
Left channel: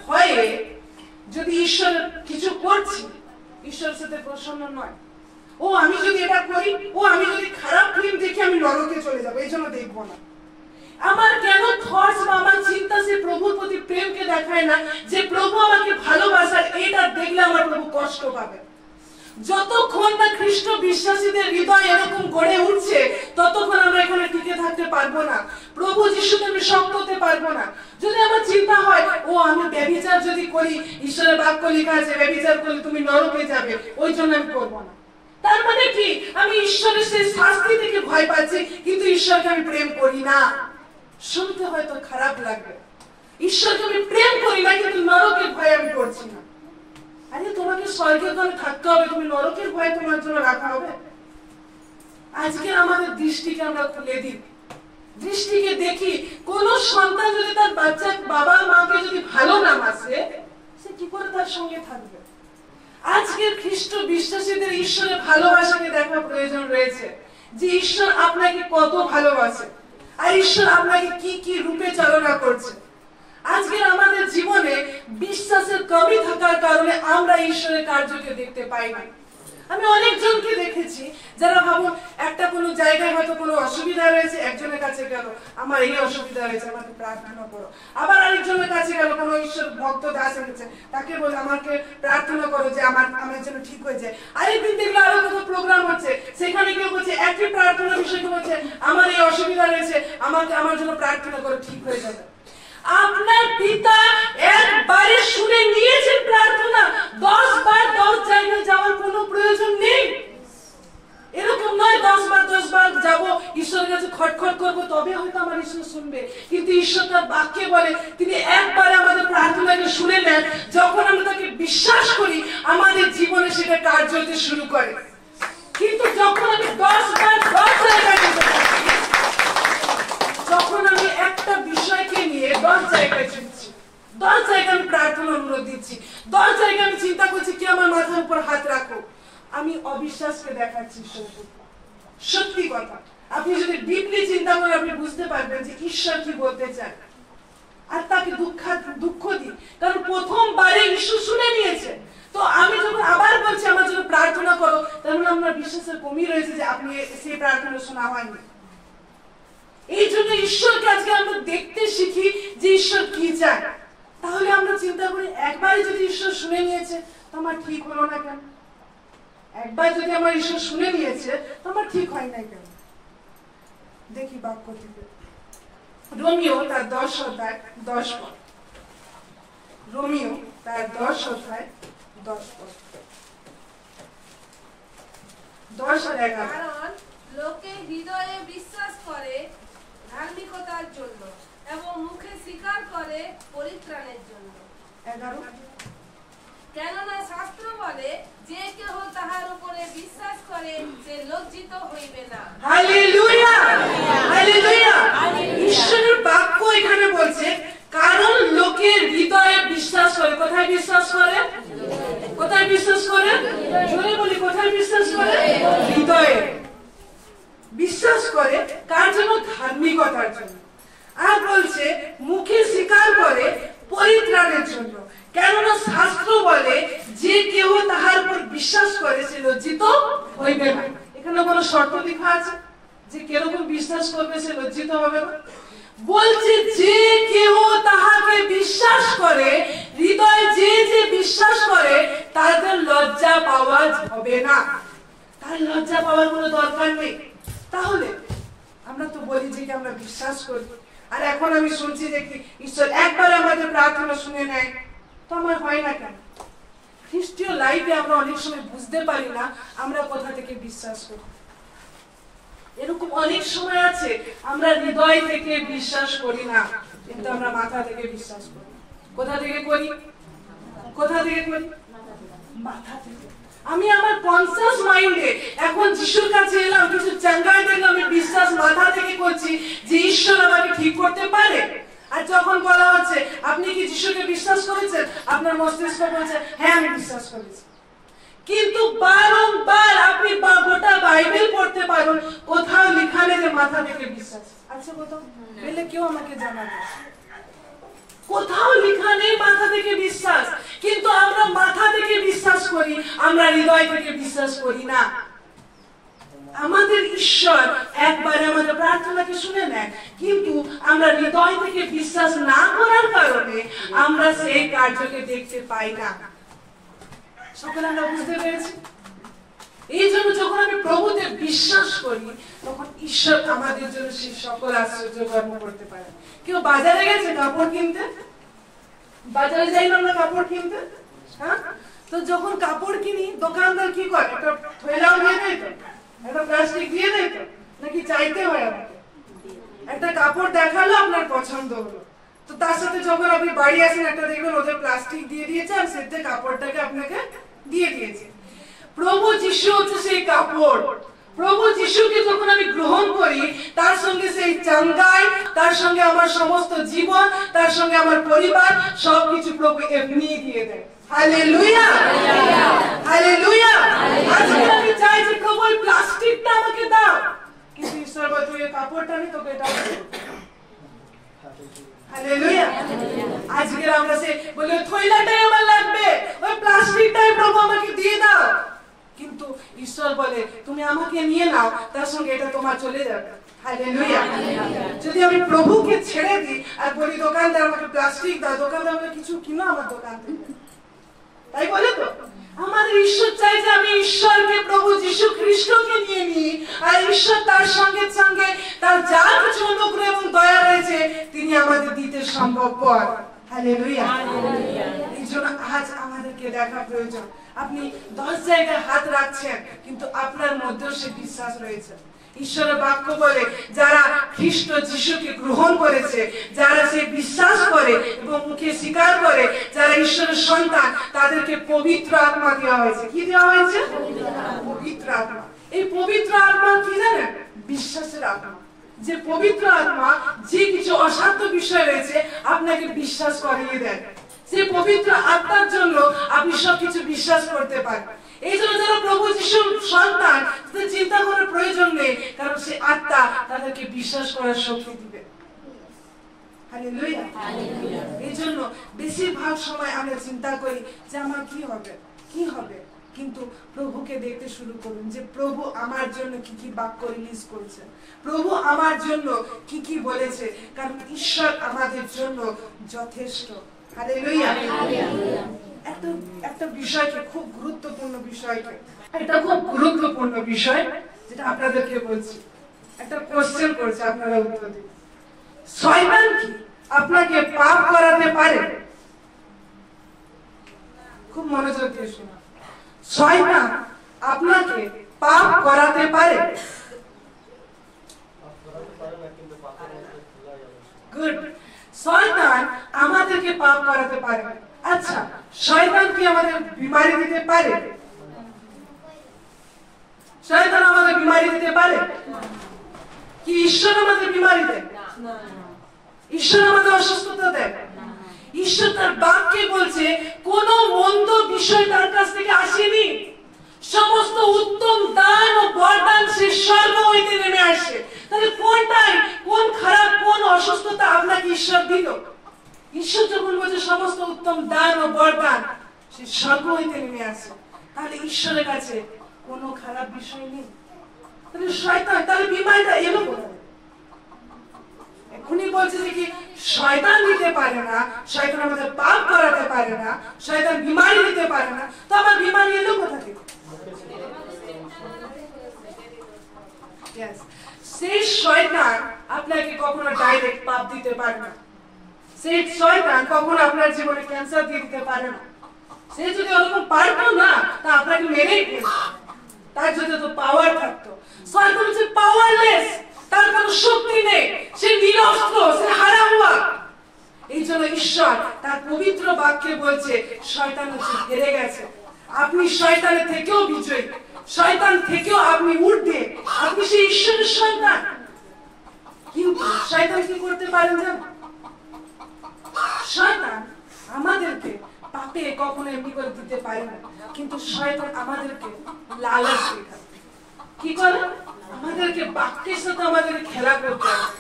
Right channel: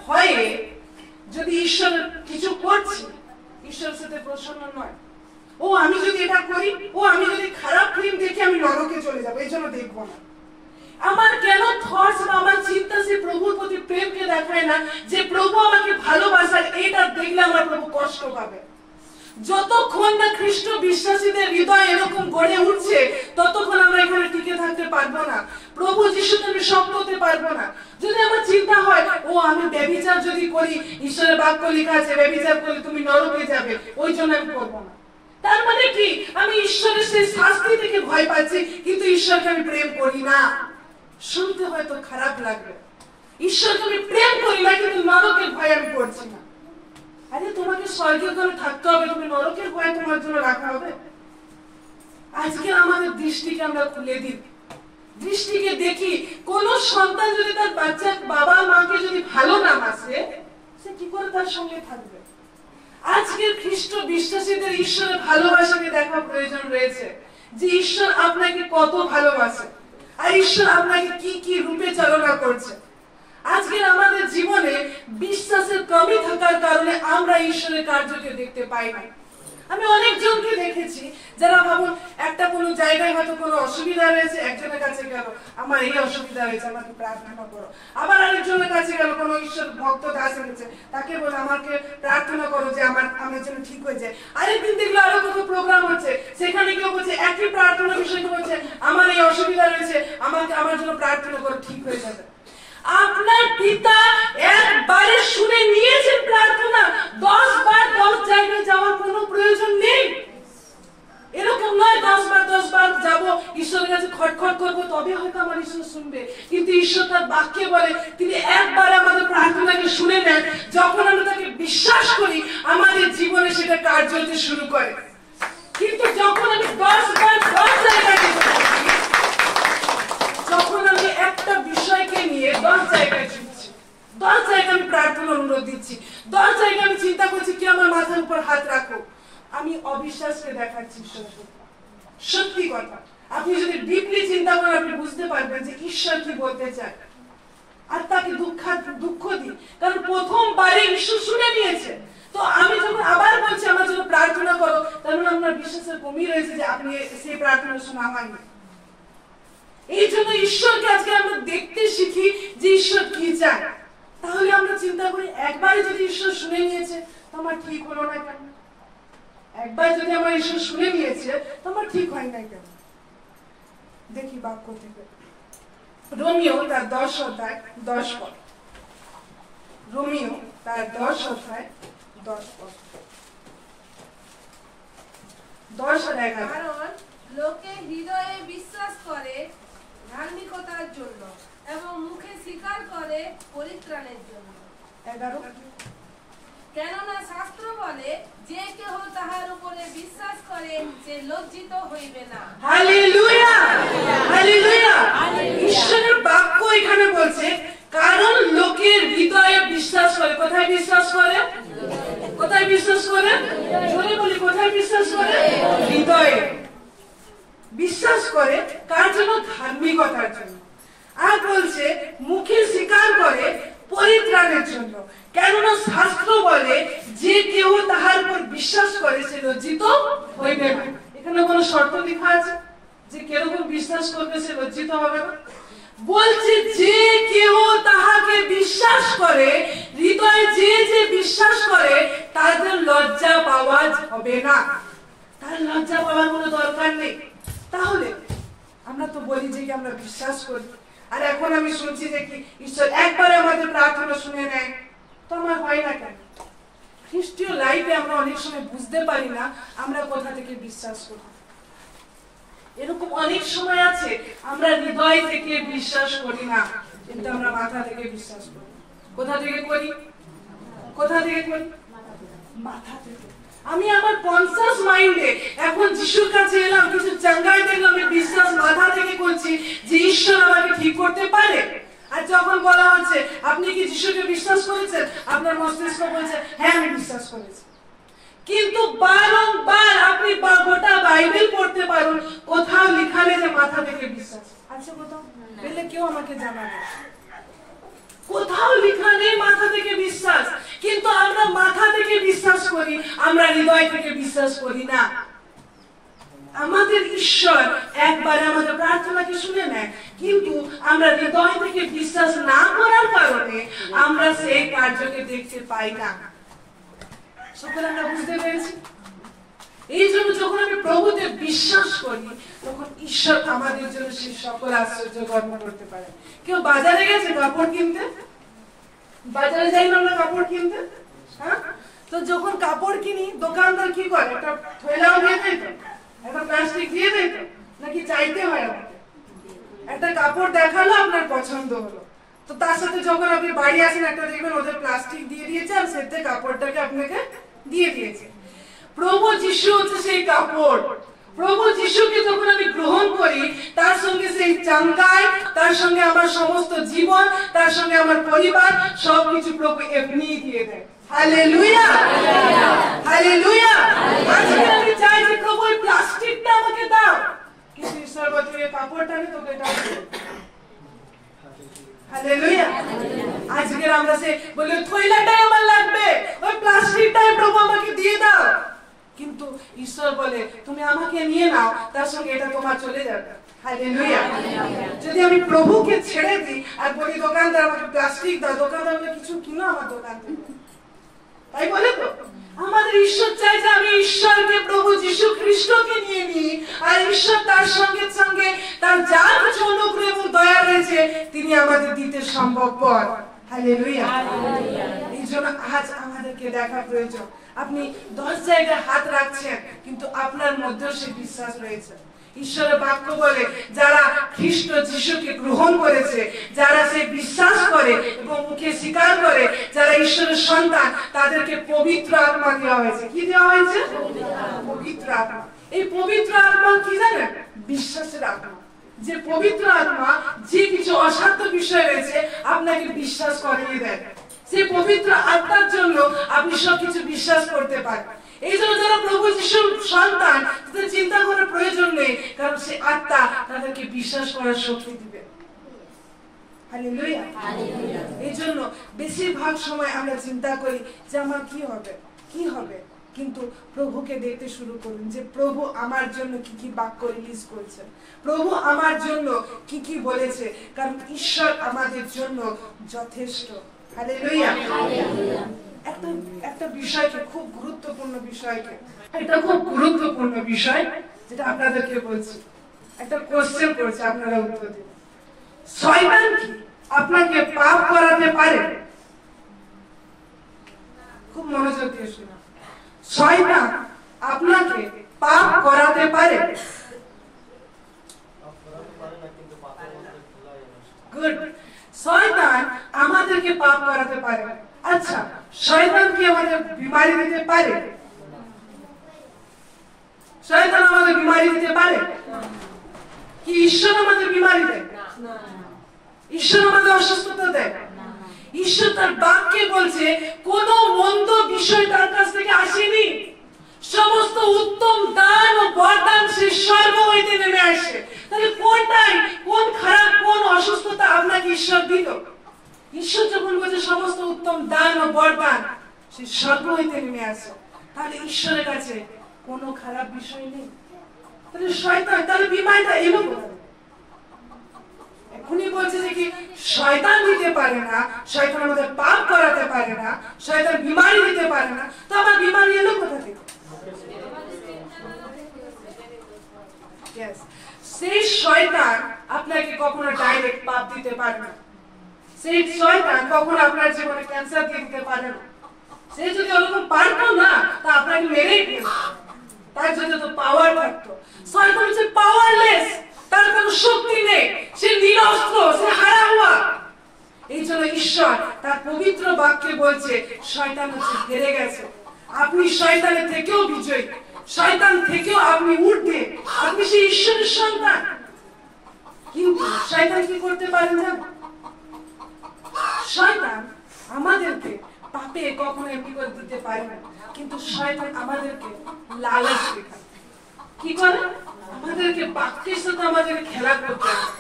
ভয়ে যদি ঈশ্বর কিছু করছি, ঈশ্বরের সাথে প্রসন্ন নয়, ও আমি যদি এটা করি, ও আমি যদি খারাপ ফিল্ম দেখি আমি নরকে চলে যাবো, এই জন্য দেখবো না। আমার কেন থটস বা আমার চিন্তা সে প্রভুর প্রতি প্রেমকে দেখায় না যে প্রভু আমাকে ভালোবাসার, এটা দেখলে আমার প্রভু কষ্ট পাবে। যতক্ষণ না খ্রিস্ট বিশ্বাসীদের হৃদয় এরকম গড়ে উঠছে ততক্ষণ আমরা এখানে টিকে থাকতে পারবো না, প্রভু যিশুকে আমি শক্ত হতে পারবো না। যদি আমার চিন্তা হয় ও আমি ব্যভিচার যদি করি, ঈশ্বরের বাক্য লেখা আছে ব্যভিচার করলে তুমি নরকে যাবে, ওই জন্য আমি করবো না, তার মানে কি আমি ঈশ্বরের সেই শাস্তি থেকে ভয় পাচ্ছি কিন্তু ঈশ্বরকে আমি প্রেম করি না। শুনতে হয়তো খারাপ লাগবে, ঈশ্বরকে আমি প্রেম করি না কিন্তু নরকের ভয় আমি করছি না। আরে তোমাকে স্বর্গে ওখানে থাকতে হবে, তুমি নরকের ভয় তোমার জন্য রাখা হবে? আজকে আমাদের দৃষ্টিকে আমরা খুলে দিই, দৃষ্টিকে দেখি কোন সন্তান যদি তার বাচ্চা বাবা মাকে যদি ভালো না বাসে সে কি করে তার সঙ্গে থাকবে? আজকের খ্রিস্ট বিশ্বাসীদের ঈশ্বরের ভালোবাসাকে দেখা প্রয়োজন রয়েছে, যে ঈশ্বর আপনাকে কত ভালোবাসে আর ঈশ্বর আপনাকে কি কি রূপে চালনা করছে। আজকের আমাদের জীবনে বিশ্বাসের কমই থাকার কারণে আমরা ঈশ্বরের কার্যকে দেখতে পাই না। আমি অনেকজনকে দেখেছি যারা ভাবুন একটা কোনো জায়গায় হয়তো কোনো অসুবিধা রয়েছে, একজনের কাছে গেল আমার এই অসুবিধা হয়েছে আমাকে প্রার্থনা করো, আবার আরেকজনের কাছে গেল কোনো ঈশ্বর ভক্ত দাস হয়েছে তাকে বলে আমাকে প্রার্থনা করো যে আমার যেন ঠিক হয়ে যায়। আরেকদিন দেখলো আরো কত প্রোগ্রাম হচ্ছে, সেখানে কেউ বলছে একই প্রার্থনা বিষয়কে বলছে আমার এই অসুবিধা রয়েছে আমার জন্য প্রার্থনা করো ঠিক হয়ে যাবে। আপনার পিতা একবারে শুনে নিয়েছেন প্রার্থনা, 10 বার 10 জায়গায় যাওয়ার কোনো প্রয়োজন নেই। এরকম নয় 10 বার যাবো ঈশ্বরের কাছে খটখট করবো তবে হয়তো আমার ঈশ্বর শুনবে, কিন্তু ঈশ্বর তার বাক্যে বলে তিনি একবার আমাদের প্রার্থনাকে শুনে নেন, যখন আমরা তাকে বিশ্বাস করি আমাদের জীবনে সেটা কার্য হতে শুরু করে। কিন্তু যখন আমি 10 বার 10 জায়গায় যখন আমি একটা বিষয়কে নিয়ে 10 জায়গায় ছুটছি, 10 জায়গায় আমি প্রার্থনা অনুরোধ দিচ্ছি, 10 জায়গায় আমি চিন্তা করছি কি আমার মাথার উপর হাত রাখো, আমি অবিশ্বাসকে দেখাচ্ছি ঈশ্বরের উপর। সত্যি কথা, আপনি যদি ডিপলি চিন্তা করেন আপনি বুঝতে পারবেন যে ঈশ্বর কি বলতে চায়, আর তাকে দুঃখ দিই কারণ প্রথমবারে ঈশ্বর শুনে নিয়েছে। তো আমি যখন আবার বলছি আমার জন্য প্রার্থনা করো, তাহলে আপনার বিশ্বাসের কমই রয়েছে যে আপনি সেই প্রার্থনা শোনা হয়নি। এই জন্য ঈশ্বরকে আজকে আমরা দেখতে শিখি যে ঈশ্বর কি চায়। তাহলে আমরা চিন্তা করি একবারই যদি ঈশ্বর শুনে নিয়েছে তো আমার ঠিক হলো না কেন, একবার যদি আমার ঈশ্বর শুনে নিয়েছে তো আমার ঠিক হয় না কেন। দেখি বাক্য থেকে। রোমিও তার 10 অধ্যায় 10 পদ। রোমিও তার 10 অধ্যায় 10 পদ। 10 আর 11। কারণ লোকে হৃদয়ে বিশ্বাস করে ধার্মিকতার জন্য এবং মুখে স্বীকার করে পরিত্রাণের জন্য। 11। কেননা শাস্ত্র বলে, যে কেহ তাহার উপরে বিশ্বাস করে সে লজ্জিত হইবে না। Hallelujah, hallelujah. ঈশ্বরের বাক্য এখানে বলছে, কারণ লোকের হৃদয়ে বিশ্বাস করে। কোথায় বিশ্বাস করে? কোথায় বিশ্বাস করে? জোরে বলি, কোথায় বিশ্বাস করে? হৃদয়ে বিশ্বাস করে। কার জন্য? ধার্মিকতার জন্য। আর বলছে মুখে স্বীকার করে পরিত্রাণের জন্য। কেননা শাস্ত্র বলে, যে কেউ তাহার উপর বিশ্বাস করে সে লজ্জিত হইবে না। এখানে কোনো শর্ত লেখা আছে যে কিরকম বিশ্বাস করবে সে লজ্জিত হবে না? বলছে যে কেউ তাহাকে বিশ্বাস করে, হৃদয়ে যে যে বিশ্বাস করে তাদের লজ্জা পাওয়া হবে না। তার লজ্জা পাওয়ার কোনো দরকার নেই। তাহলে আমরা তো বলি যে কি আমরা বিশ্বাস করি, আর এখন আমি শুনছি যে কি ঈশ্বর একবার আমাদের প্রার্থনা শুনে নেয়, তো আমার হয় না কেন? খ্রিস্টীয় লাইফে আমরা অনেক সময় বুঝতে পারি না আমরা কোথা থেকে বিশ্বাস করি। এরকম অনেক সময় আছে আমরা হৃদয় থেকে বিশ্বাস করি না, কিন্তু আমরা মাথা থেকে বিশ্বাস করি। কোথা থেকে করি? কোথা থেকে করি? মাথা থেকে। আমি আমার কনসাস মাইন্ডে এখন যিশুর কাছে এলাম, কিছু চাঙ্গাই দেখলাম, আমি বিশ্বাস মাথা থেকে করছি যে ঈশ্বর আমাকে ঠিক করতে পারে। আর যখন বলা হচ্ছে আপনি কি যিশুকে বিশ্বাস করেছেন, আপনার মস্তিষ্ক বলছে হ্যাঁ আমি বিশ্বাস করেছি। কিন্তু বারংবার আপনি গোটা বাইবেল পড়তে পারেন, কোথাও লেখা নেই যে মাথা থেকে বিশ্বাস আছে। কোথাও পেলে কেউ আমাকে জানাবে। কোথাও লেখা নেই মাথা থেকে বিশ্বাস। কিন্তু আমরা মাথা থেকে বিশ্বাস করি, আমরা হৃদয় থেকে বিশ্বাস করি না। আমাদের ঈশ্বর একবারে আমাদের প্রার্থনাকে শুনে নেয়, কিন্তু আমরা হৃদয় থেকে বিশ্বাস না করার কারণে আমরা সেই কার্যকে দেখতে পাই না। সকলে আমরা বুঝতে পেরেছি? এই জন্য যখন আমি প্রভুতে বিশ্বাস করি, তখন ঈশ্বর আমাদের জন্য সেই সকল আশ্চর্য কর্ম করতে পারে। কেউ বাজারে গেছে কাপড় কিনতে? বাজারে যাই না আমরা কাপড় কিনতে? হ্যাঁ, তো যখন কাপড় কিনি দোকানদার কি করে? একটা থৈলাও দিয়ে দেয় তো, একটা প্লাস্টিক দিয়ে দেয় তো, নাকি চাইতে হয় আমাকে? একটা কাপড় দেখালো, আপনার পছন্দ হলো, তো তার সাথে যখন আপনি বাড়ি আসেন একটা দেখবেন ওদের প্লাস্টিক দিয়ে দিয়েছে আর সেতে কাপড়টাকে আপনাকে দিয়ে দিয়েছে। প্রভু যিশু হচ্ছে সেই কাপড়। প্রভু যিশুকে যখন আমি গ্রহণ করি, তার সঙ্গে সেই চাঙ্গাই, তার সঙ্গে আমার সমস্ত জীবন, তার সঙ্গে আমার পরিবার, সবকিছু প্রভু এমনিই দিয়ে দেয়। Hallelujah, hallelujah. আজকে আমি চাই যে প্রভু এই প্লাস্টিকটা আমাকে দাও, কিন্তু ঈশ্বর বলে তুই এই কাপড়টা নে, তোকে দাও। হালেলুয়া। আজকে আমরা সে বলে থৈলাটাই আমার লাগবে, ওই প্লাস্টিকটাই প্রভু আমাকে দিয়ে দাও, কিন্তু ঈশ্বর বলে তুমি আমাকে নিয়ে নাও, তার সঙ্গে এটা তোমার চলে যাবে। হালেলুয়া। যদি আমি প্রভুকে ছেড়ে দিই আর বলি দোকানদার আমাকে প্লাস্টিক দাও, দোকানদার আমাকে কিছু কিনো আমার দোকান থেকে, তাই বলে তো? আমাদের ঈশ্বর চাই যে আমি ঈশ্বরকে, প্রভু যীশু খ্রিস্টকে নিয়ে নিই, আর ঈশ্বর তার সঙ্গে সঙ্গে তার যা কিছু অনুগ্রহ এবং দয়া রয়েছে তিনি আমাদের দিতে সম্ভবপর। হালেলুয়া। এই জন্য আজ আমাদেরকে দেখা প্রয়োজন। আপনি 10 জায়গায় হাত রাখছেন, কিন্তু আপনার মধ্যেও সে বিশ্বাস রয়েছে। ঈশ্বরের বাক্য বলে যারা খ্রিস্ট যিশুকে গ্রহণ করেছে, যারা সে বিশ্বাস করে এবং মুখে স্বীকার করে, যারা ঈশ্বরের সন্তান, তাদেরকে পবিত্র আত্মা দেওয়া হয়েছে। কি দেওয়া হয়েছে? পবিত্র আত্মা। এই পবিত্র আত্মা কি জানেন? বিশ্বাসের আত্মা। যে পবিত্র আত্মা যে কিছু অসাধ্য বিষয় রয়েছে আপনাকে বিশ্বাস করিয়ে দেয়। সেই পবিত্র আত্মার জন্য আপনি সবকিছু বিশ্বাস করতে পারেন। এই জন্য যারা প্রভু যিশুর সন্তান, তাদের চিন্তা করার প্রয়োজন নেই, কারণ সেই আত্মা তাদেরকে বিশ্বাস করার শক্তি দিবে। হালেলুয়া। এই জন্য বেশিরভাগ সময় আমরা চিন্তা করি যে আমার কি হবে, কি হবে, কিন্তু প্রভুকে দেখতে শুরু করুন যে প্রভু আমার জন্য কি কি বাক্য রিলিজ করছে, প্রভু আমার জন্য কি কি বলেছে, কারণ ঈশ্বর আমাদের জন্য যথেষ্ট। হালেলুয়া। একটা বিষয়কে, খুব গুরুত্বপূর্ণ বিষয়কে, এটা খুব গুরুত্বপূর্ণ বিষয় যেটা আপনাদেরকে বলছি। একটা কোশ্চেন করছে, আপনারা উত্তর দিন। শয়তান কি আপনাকে পাপ করাতে পারে? খুব মনোযোগ দিয়ে শুনুন। শয়তান আপনাকে পাপ করাতে পারে? গুড। শয়তান আমাদেরকে পাপ করাতে পারে। আচ্ছা, শয়তান কি আমাদের বিমারি দিতে পারে? শয়তান আমাদের বিমারি দিতে পারে কি? ঈশ্বর আমাদের বিমারি দেয়? ঈশ্বর আমাদের অসুস্থতা দেয়? ঈশ্বর তার বাক্যে বলছে কোন মন্দ বিষয় তার কাছ থেকে আসেনি, সমস্ত উত্তম দান ও বরদান সে স্বর্গ হইতে নেমে আসে। তাহলে কোনটাই, কোন খারাপ, কোন অসুস্থতা আপনাকে ঈশ্বর দিল? ঈশ্বর যখন বলছে সমস্ত উত্তম দান ও বরদান সে স্বর্গ হইতে নেমে আসে, তাহলে ঈশ্বরের কাছে কোনো খারাপ বিষয় নেই। তাহলে শয়তান, তাহলে বিমারিটা এলো কোথায়? এখনই বলছে যে কি শয়তান দিতে পারে না, শয়তান আমাদের পাপ করাতে পারে না, শয়তান বিমারি দিতে পারে না, তো আমার বিমারি এলো কোথা থেকে? সেই শয়তান আপনাকে কখনো ডাইরেক্ট পাপ দিতে পারে না। সেই শয়তান কখনো আপনার জীবনে ক্যান্সার দিয়ে দিতে পারে না। সে যদি ওরকম পারতো না, তা আপনাকে মেরেই ফেলতো, তার যদি তো পাওয়ার থাকতো। শয়তান হচ্ছে পাওয়ারলেস, তার কোনো শক্তি নেই, সে নিরস্ত্র, সে হারা হওয়া। এই জন্য ঈশ্বর তার পবিত্র বাক্যে বলছে শয়তান হচ্ছে হেরে গেছে। আপনি শয়তানের থেকেও বিজয়ী, শয়তান থেকেও আপনি ঊর্ধ্বে, আপনি সেই ঈশ্বরের সন্তান। কিন্তু শয়তান কি করতে পারেন জানেন? শয়তান আমাদেরকে পাপে কখনো বিপদ দিতে পারে না, কিন্তু শয়তান আমাদেরকে লালচ দেখায়। কি করে? আমাদেরকে বাক্যের সাথে আমাদেরকে খেলা করতে হবে।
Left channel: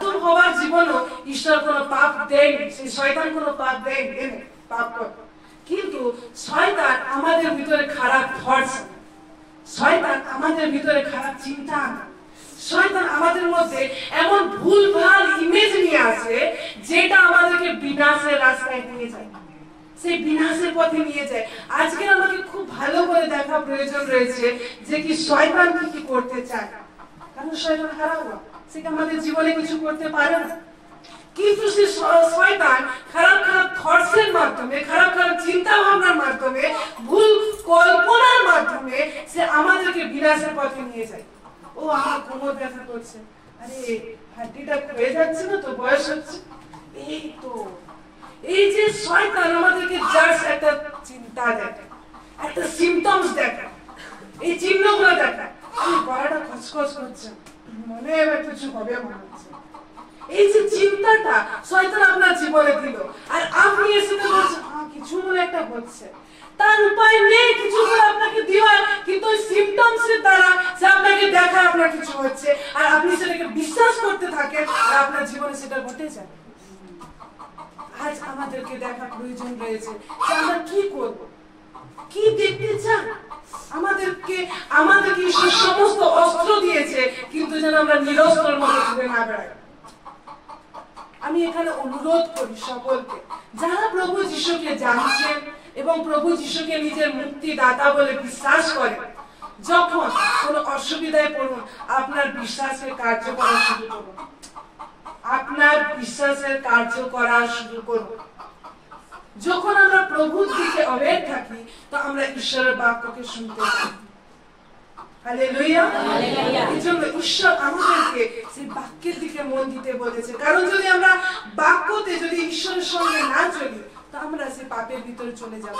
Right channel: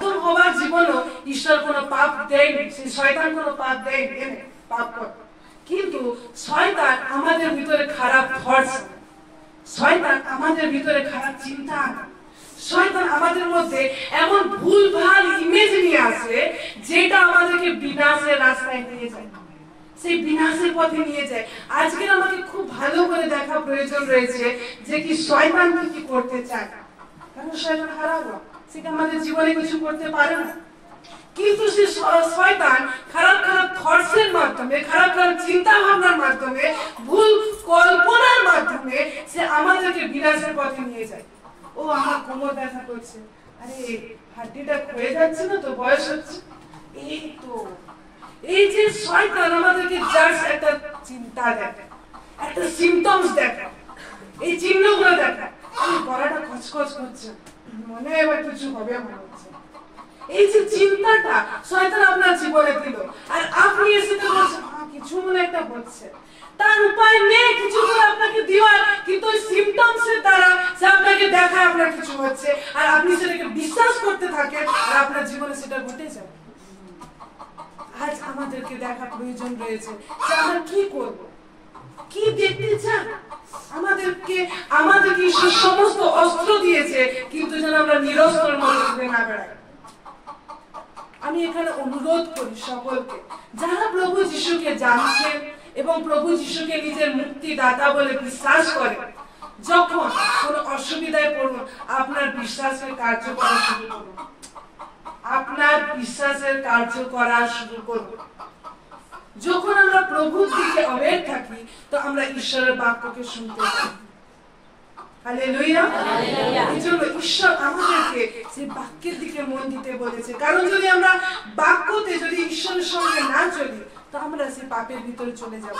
তোর হওয়ার জীবনও ঈশ্বর কোনো পাপ দেয়নি, সেই শয়তান কোনো পাপ দেয়নি, পাপ কর। কিন্তু শয়তান আমাদের ভিতরে খারাপ থটস, শয়তান আমাদের ভিতরে খারাপ চিন্তা, শয়তান আমাদের মধ্যে এমন ভুলভাল ইমেজ নিয়ে আসে যেটা আমাদেরকে বিনাশের রাস্তায় নিয়ে যায়, সেই বিনাশের পথে নিয়ে যায়। আজকে আমাকে খুব ভালো করে দেখা প্রয়োজন রয়েছে যে কি শয়তান কি করতে চায়, কারণ শয়তান হারাবো, সে আমাদের জীবনে কিছু করতে পারে না। কিন্তু সে শয়তান খারাপ খারাপ থটসের মাধ্যমে, খারাপ খারাপ চিন্তা ভাবনার মাধ্যমে, ভুল কল্পনার মাধ্যমে সে আমাদেরকে বিনাশের পথে নিয়ে যায়। ও আমার কোমর ব্যথা করছে, আরে হাড্ডিটা ক্ষয়ে যাচ্ছে না তো, বয়স হচ্ছে, এই তো। এই যে শয়তান আমাদেরকে জাস্ট একটা চিন্তা দেখায়, একটা সিমটমস দেখায়, এই চিহ্নগুলো দেখায়। আমি গলাটা খচখচ করছে, মনে এবার কিছু হবে মনে হচ্ছে। এই যে চিন্তাটা শয়তান আপনার জীবনে দিল, আর আপনি এসে বলছেন কিছু মনে একটা হচ্ছে, তার উপায় নেই কিছু করে আপনাকে দেওয়ার, কিন্তু ওই সিমটমসের দ্বারা সে আপনাকে দেখায় আপনার কিছু হচ্ছে, আর আপনি সেটাকে বিশ্বাস করতে থাকেন, আর আপনার জীবনে সেটা ঘটে যায়। আজ আমাদেরকে দেখা প্রয়োজন রয়েছে যে আমরা কি করব, কি দেখতে চান। আমাদেরকে ঈশ্বর সমস্ত অস্ত্র দিয়েছে, কিন্তু যেন আমরা নিরস্ত্রের মতো ঘুরে না বেড়াই। আমি এখানে অনুরোধ করি সকলকে, যারা প্রভু যিশুকে জানছেন এবং প্রভু যিশুকে নিজের মুক্তিদাতা বলে বিশ্বাস করেন, যখন কোনো অসুবিধায় পড়ুন, আপনার বিশ্বাসের কার্য করা শুরু করুন, আপনার বিশ্বাসের কার্য করা শুরু করুন। যখন আমরা প্রভুর দিকে অবেগ থাকি, তো আমরা ঈশ্বরের বাক্যকে শুনতে পাই। হালেলুয়া। এই জন্য ঈশ্বর আমাদেরকে সেই বাক্যের দিকে মন দিতে বলেছে, কারণ যদি আমরা বাক্যতে যদি ঈশ্বরের সঙ্গে না চলি, তো আমরা সেই পাপের ভিতরে চলে যাব।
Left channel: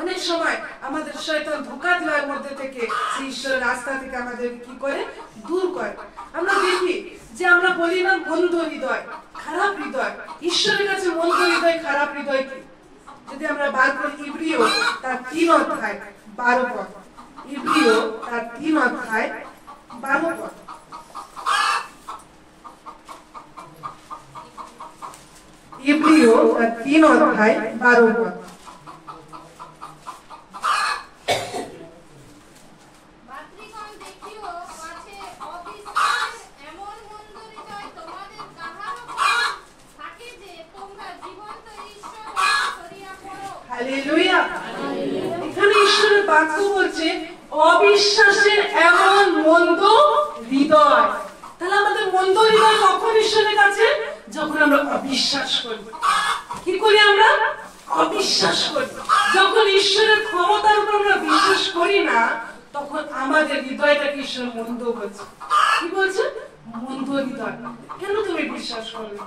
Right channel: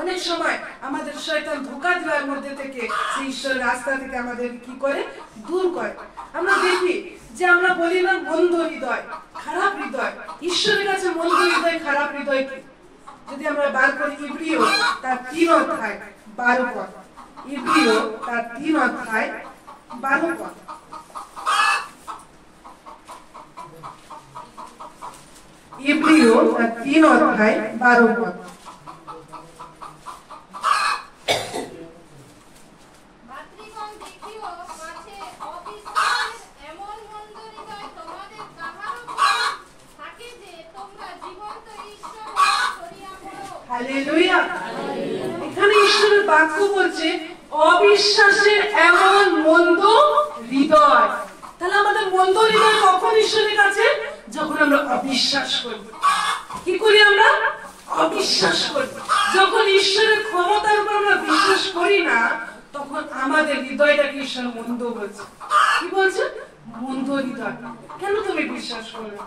অনেক সময় আমাদের শয়তান ধোঁকা দেওয়ার মধ্যে থেকে সেই ঈশ্বরের রাস্তা থেকে আমাদের কি করে দূর করে। আমরা দেখি যে আমরা বলি না মন্দ হৃদয়, খারাপ হৃদয়। ঈশ্বরের কাছে মন্দ হৃদয়, খারাপ হৃদয় কি? যদি আমরা বার করি ইব্রিয় তার 3 অধ্যায় 12 পদ, ইব্রিয় তার 3 অধ্যায় 12 পদ। ইব্রিয় তার 3 অধ্যায় 12 পদ। হালেলুয়া। এখানে ঈশ্বরের বাক্য বলছে অবিশ্বাসের এমন মন্দ হৃদয়। তাহলে আমাদের মন্দ হৃদয় কখন ঈশ্বরের কাছে? যখন আমরা অবিশ্বাস করি। কি করি আমরা? অবিশ্বাস করি। যখন ঈশ্বরের ক্ষমতার উপর আমরা বিশ্বাস করি না, তখন আমাদের হৃদয়টাকে ঈশ্বর মন্দ বলছে। কি বলছে? মন্দ হৃদয়। কেন তুমি বিশ্বাস করবে?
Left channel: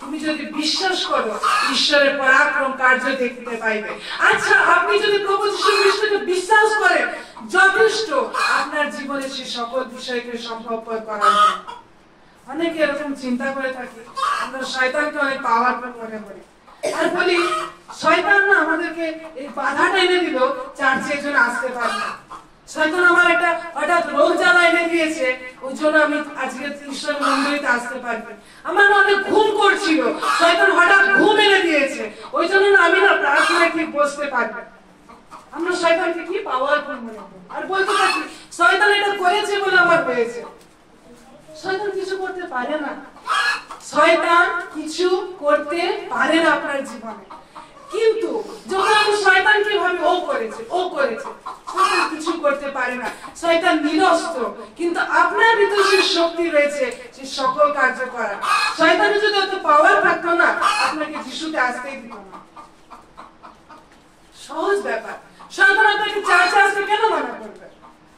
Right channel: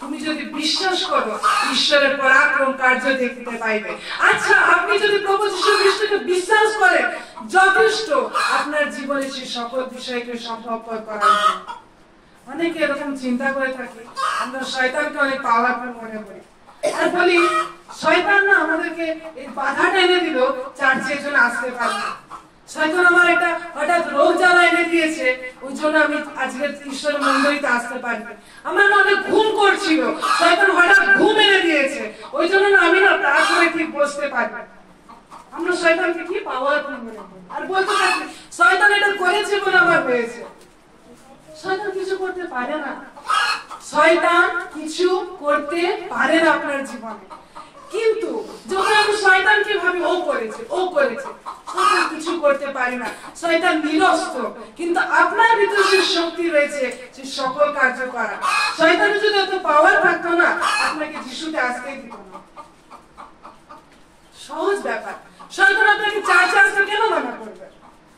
তুমি যদি বিশ্বাস করো, ঈশ্বরের পরাক্রম কার্য দেখতে পাইবে। আচ্ছা, আপনি যদি প্রভু যীশু খ্রিস্টকে বিশ্বাস করেন, যথেষ্ট আপনার জীবনে সে সকল বিষয়কে সম্ভবপর করার জন্য। অনেকে এরকম চিন্তা করে থাকি, আমরা শয়তানকে অনেক পাওয়ারফুল মনে করি আর বলি শয়তান না আমাদেরকে এই বাধাটা এনে দিল, চার্চে এর জন্য আসতে পারবো। শয়তান আমার একটা হঠাৎ রোগ জ্বালা এনে দিয়েছে, ওই জন্য আমি আজকে ঈশ্বর মন্দিরে আসতে পারি। আমার অনেক ঘুম করছিল, শয়তান হঠাৎ ঘুম এনে দিয়েছে, ওই জন্য আমি না প্রার্থনায় ঠিক বসতে পারি। আমরা শয়তানকে কি পাওয়ারফুল মনে করি আর বলতে থাকি শয়তান এটা করেছে বলে আমার হয়েছে। শয়তান কিছু করতে পারে না। শয়তান কিছু করতে পারে না আপনার জীবনে। কিন্তু যখন আমরা শয়তানকে ভাবি ও করেছে, শয়তান কিছু করতে পারে না, শয়তান নিরস্ত্র। কিন্তু আপনার ভিতরে যে শক্তি রয়েছে, সে সকল কার্য করা। শয়তানের যদি এত পাওয়ার থাকতো না, আপনাকে যিশুতে আসতেই দিত না। সহজ ব্যাপার। শয়তান আপনাকে চার্চে আসতে কেন মানা করবে?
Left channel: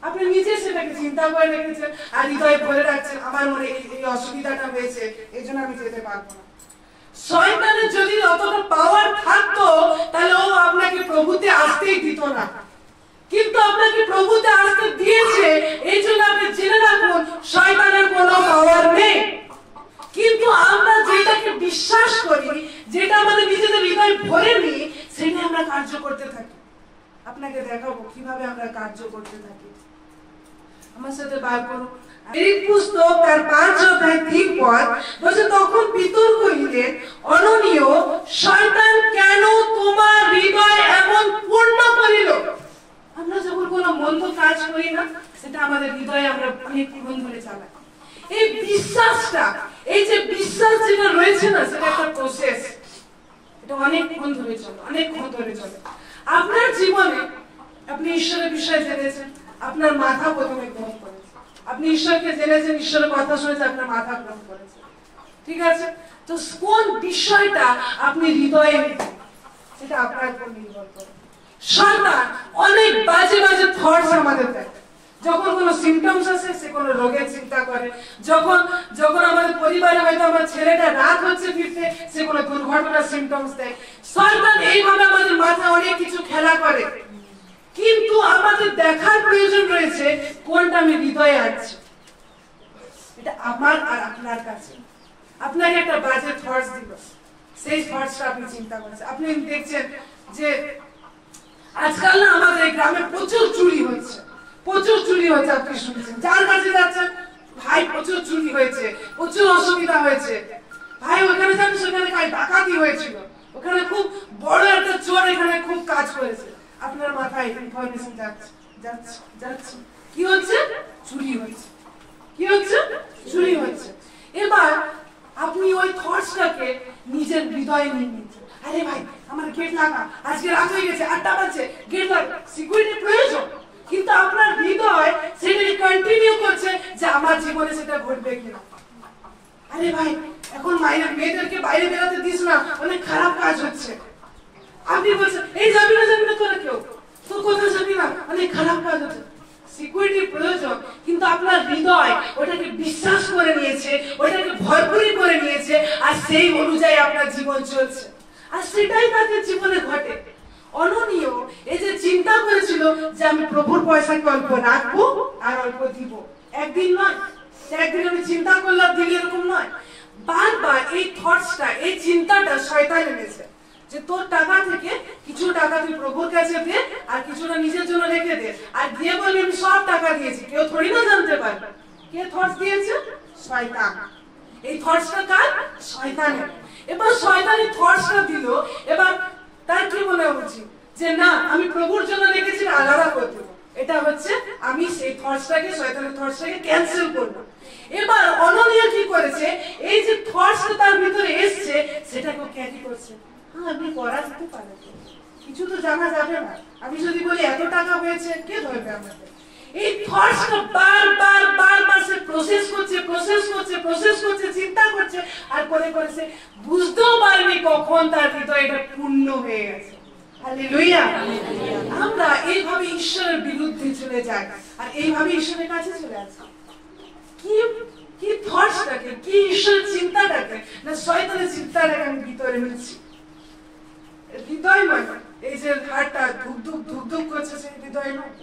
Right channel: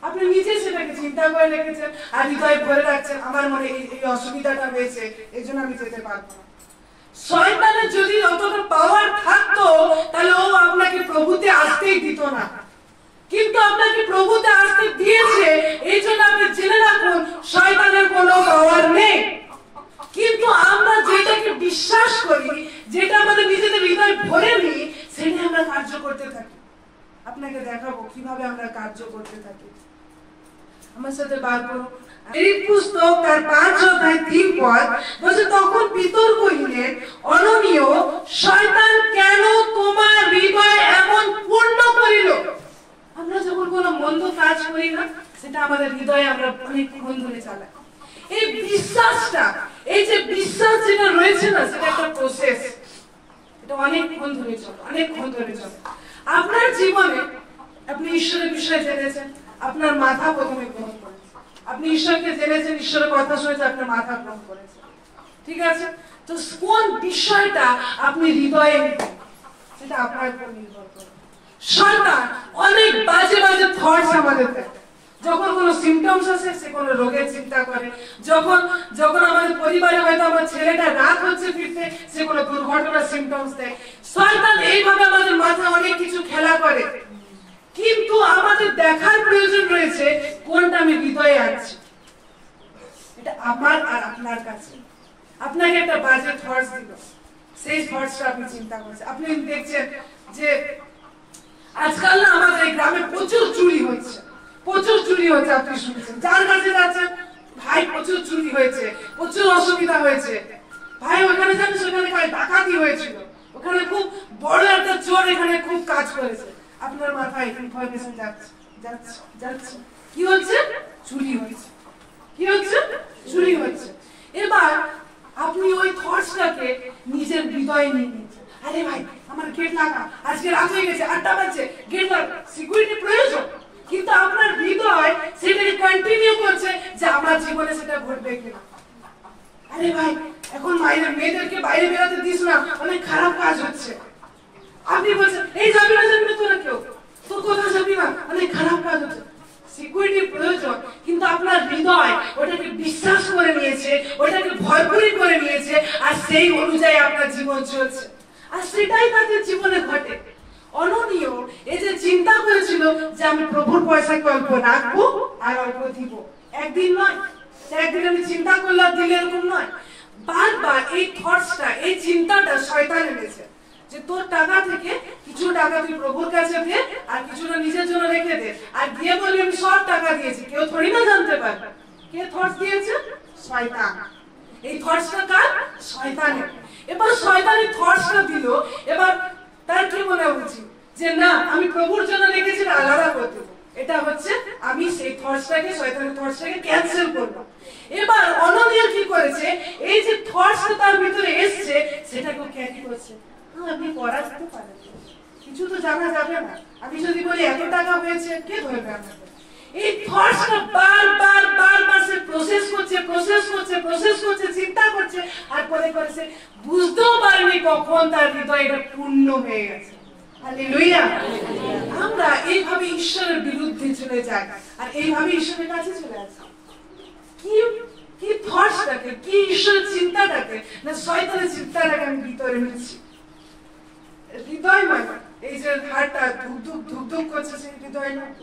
আপনি নিজে সেটাকে চিন্তা করে রেখেছেন আর হৃদয়ে ভরে রাখছেন, আমার মনে এই অসুবিধাটা হয়েছে, এই জন্য আমি যেতে পারবো না। শয়তানের যদি অতটা পাওয়ার থাকতো, তাহলে ও আপনাকে প্রভুতে আসতেই দিত না। কিন্তু আপনাকে প্রভুতে আসতে দিয়েছে, এই জন্য আপনি জেনে রাখুন শয়তানের কোনো পাওয়ার নেই। কিন্তু আমরা যেটাকে বিশ্বাস করি, যেটা আমাদের নিজেদের হৃদয় ভরে নিই, সেটা আমরা কার্য করতে থাকি। আপনাকে দেখাবো কিভাবে আমরা কার্য করতে থাকি। আমার সাথে বার করুন এই পুস্তক তার 5 অধ্যায় 3 পদ বলছে, তখন পিতর কহিলেন, অননীয়, শয়তান কেন তোমার হৃদয় এমন পূর্ণ করিল? আমরা যখন কোনো মন্দ কাজ করি না, সেটা আমাদের হৃদয়ে আমরা অনেকক্ষণ ধরে চালাই। এই বিশ্বাসটা, এই যে বিশ্বাস যেটা রয়েছে না, সেটা একটা প্রসেস। এটা অনেকক্ষণ ধরে চলে। আপনার জীবনে আপনি ঈশ্বরের বিষয়ে জেনেছেন, আপনার মাথা প্রথমে গ্রহণ করেছে। আপনি ঈশ্বরকে জেনেছেন, ঈশ্বরের কথা শুনেছেন, আপনার মাথা গ্রহণ করেছে। ঠিক আছে? তো কোন বিষয়টা আপনি হৃদয়ে নিতেন, সেটা আপনার উপর নির্ভর করে। শয়তান অনেক বাজে বাজে থটস আমাদের দেয়। যখন কোনো সিমটমস আসে, সে কোনো রোগের চিন্তা করে। যখন আমাদের পরিবারে হয়তো আমার ছেলেটা রাত হচ্ছে ফিরতে, সে কোনো দুর্ঘটনার সিমটমস দেয়। শয়তান এইভাবে আমাদের মাথায় অনেক কিছু খেলা করে। কিন্তু আমাদের দেখার প্রয়োজন রয়েছে কোনটা আমি হৃদয়ে আনছি। এটা আমার আর আপনার কাছে। আপনাকে একটা বাজে থটস দিল, সেই থটসটা আপনি চিন্তা করেছেন। আপনি দেখছেন যে আজকাল না আমাদের গ্রামে প্রচুর চুরি হচ্ছে। আপনি শুনছেন, যার কাছে যাচ্ছেন, ভাই প্রচুর চুরি হয়েছে, প্রচুর অসুবিধা হয়েছে, ভাই ওখানে যান, সেখানে ডাকাতি হয়েছিল, ওখানে খুব বড় একটা চোর এখানে খুব কাজ করেছে। আপনার মাথায় ইনফরমেশন যাচ্ছে কি হচ্ছে? চুরি হচ্ছে। এবার আপনি ওই থটসটাকে নিজের হৃদয়ে নিয়ে নিচ্ছেন। আরে ভাই, আমার গেট লাগা, আজকে রাত হয়ে গেছে, 8টা বাজছে, গেট লাগা, সিকিউরিটি প্রয়োজন। কিন্তু আপনার হৃদয় সেটাকে কন্টিনিউ করছে যে আমার জীবনে সেটা ঘটবে কিনা। আরে ভাই, এখন মেয়েদেরকে বাইরে বেরোতে দিস না, অনেক খারাপ কাজ হচ্ছে। আপনি বলছেন, এই যাবি না তোরা কেউ, তোর কোথাও যাবি না, অনেক খারাপ কাজ হচ্ছে। সিকিউরিটির প্রয়োজন, কিন্তু আপনার হৃদয় ওটাকে বিশ্বাস করে নিয়েছে, ওটাকে ভরপুরি করে নিয়েছে, আর সেই অনুযায়ী আপনার জীবন চলছে। আর সেটাই তাদের জীবনে ঘটে। অননীয় এই যে চিন্তা করেছিল যে আমি প্রভুর পয়সাকে অল্প রাখবো আর অল্প দিব, একদিন নয়, একদিন আমি চিন্তা করলাম দিলে, এরকম নয়। বারবার এই থটসটা, এই চিন্তাটা শয়তান এনেছে যে তোর টাকা থেকে কিছু টাকা তুই প্রভুর কাছে দে, আর কিছুটা নিজের জন্য রেখে দে, আর দিয়ে বলবি আমি সব টাকা দিয়েছি। কেউ থোড়ি না জানতে পারবে। কে থটস দিয়েছে? শয়তান। এই থটসটা কার? শয়তানের। এবার শয়তান এই থটসটা দিল, এবার তার কি মনে উচিত যে না, আমি প্রভুর জন্য রেখেছি, আলাদা করে দেব। এটা হচ্ছে আমি সেই থটসটাকে, শয়তানের থটসটাকে ক্যান্সেল করলাম। এবার অননীয় কি করেছে, এই যে থটসটা তার ভিতরে এসছে, সেটাকে ক্যারি করছে। আমি করা যেতে পারে, কিছু তো জানা যাবে না। আমি যদি বলি এত টাকা হয়েছে, কে ধরবে আমাকে? এই থটসটা বারবার সে প্রসেস করছে, চিন্তা করছে, আর করে সে বুঝতেও পারেনি কখন তার হৃদয়টা পূর্ণ হয়ে গেছে। হালেলুয়া। আমরা এইভাবে ঈশ্বরের বিরুদ্ধে চলে যাই, আর এইভাবে ঈশ্বরের কাছে চলে আসি। কি থটসটাকে, কি ঈশ্বরের চিন্তাটাকে না শয়তানের চিন্তাটাকে আমি ভিতরে নিচ্ছি। হৃদয় মানে এই যে হাড়টা ধুক করছে, সেই হৃদয় নয়।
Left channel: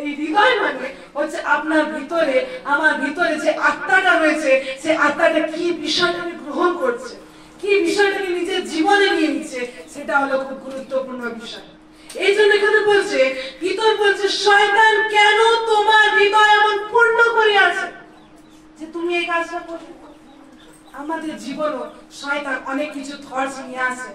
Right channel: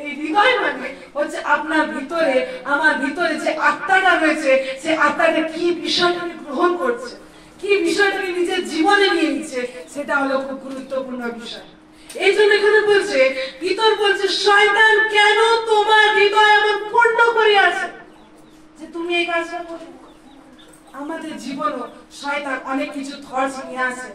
এই হৃদয় মানে হচ্ছে আপনার ভিতরে, আমার ভিতরে যে আত্মাটা রয়েছে, সেই আত্মাটা কি বিষয়টাকে গ্রহণ করছে, কি বিষয়টাকে নিজের জীবনে নিয়ে নিচ্ছে, সেটা হলো খুব গুরুত্বপূর্ণ বিষয়। এই জন্য এখানে বলছে, ভিতর বলছে, শয়তান কেন তোমার হৃদয় এমন পূর্ণ করে আছে যে তুমি এই কাজটা করবে। আমাদের জীবনও শয়তান অনেক কিছু থটস নিয়ে আসে,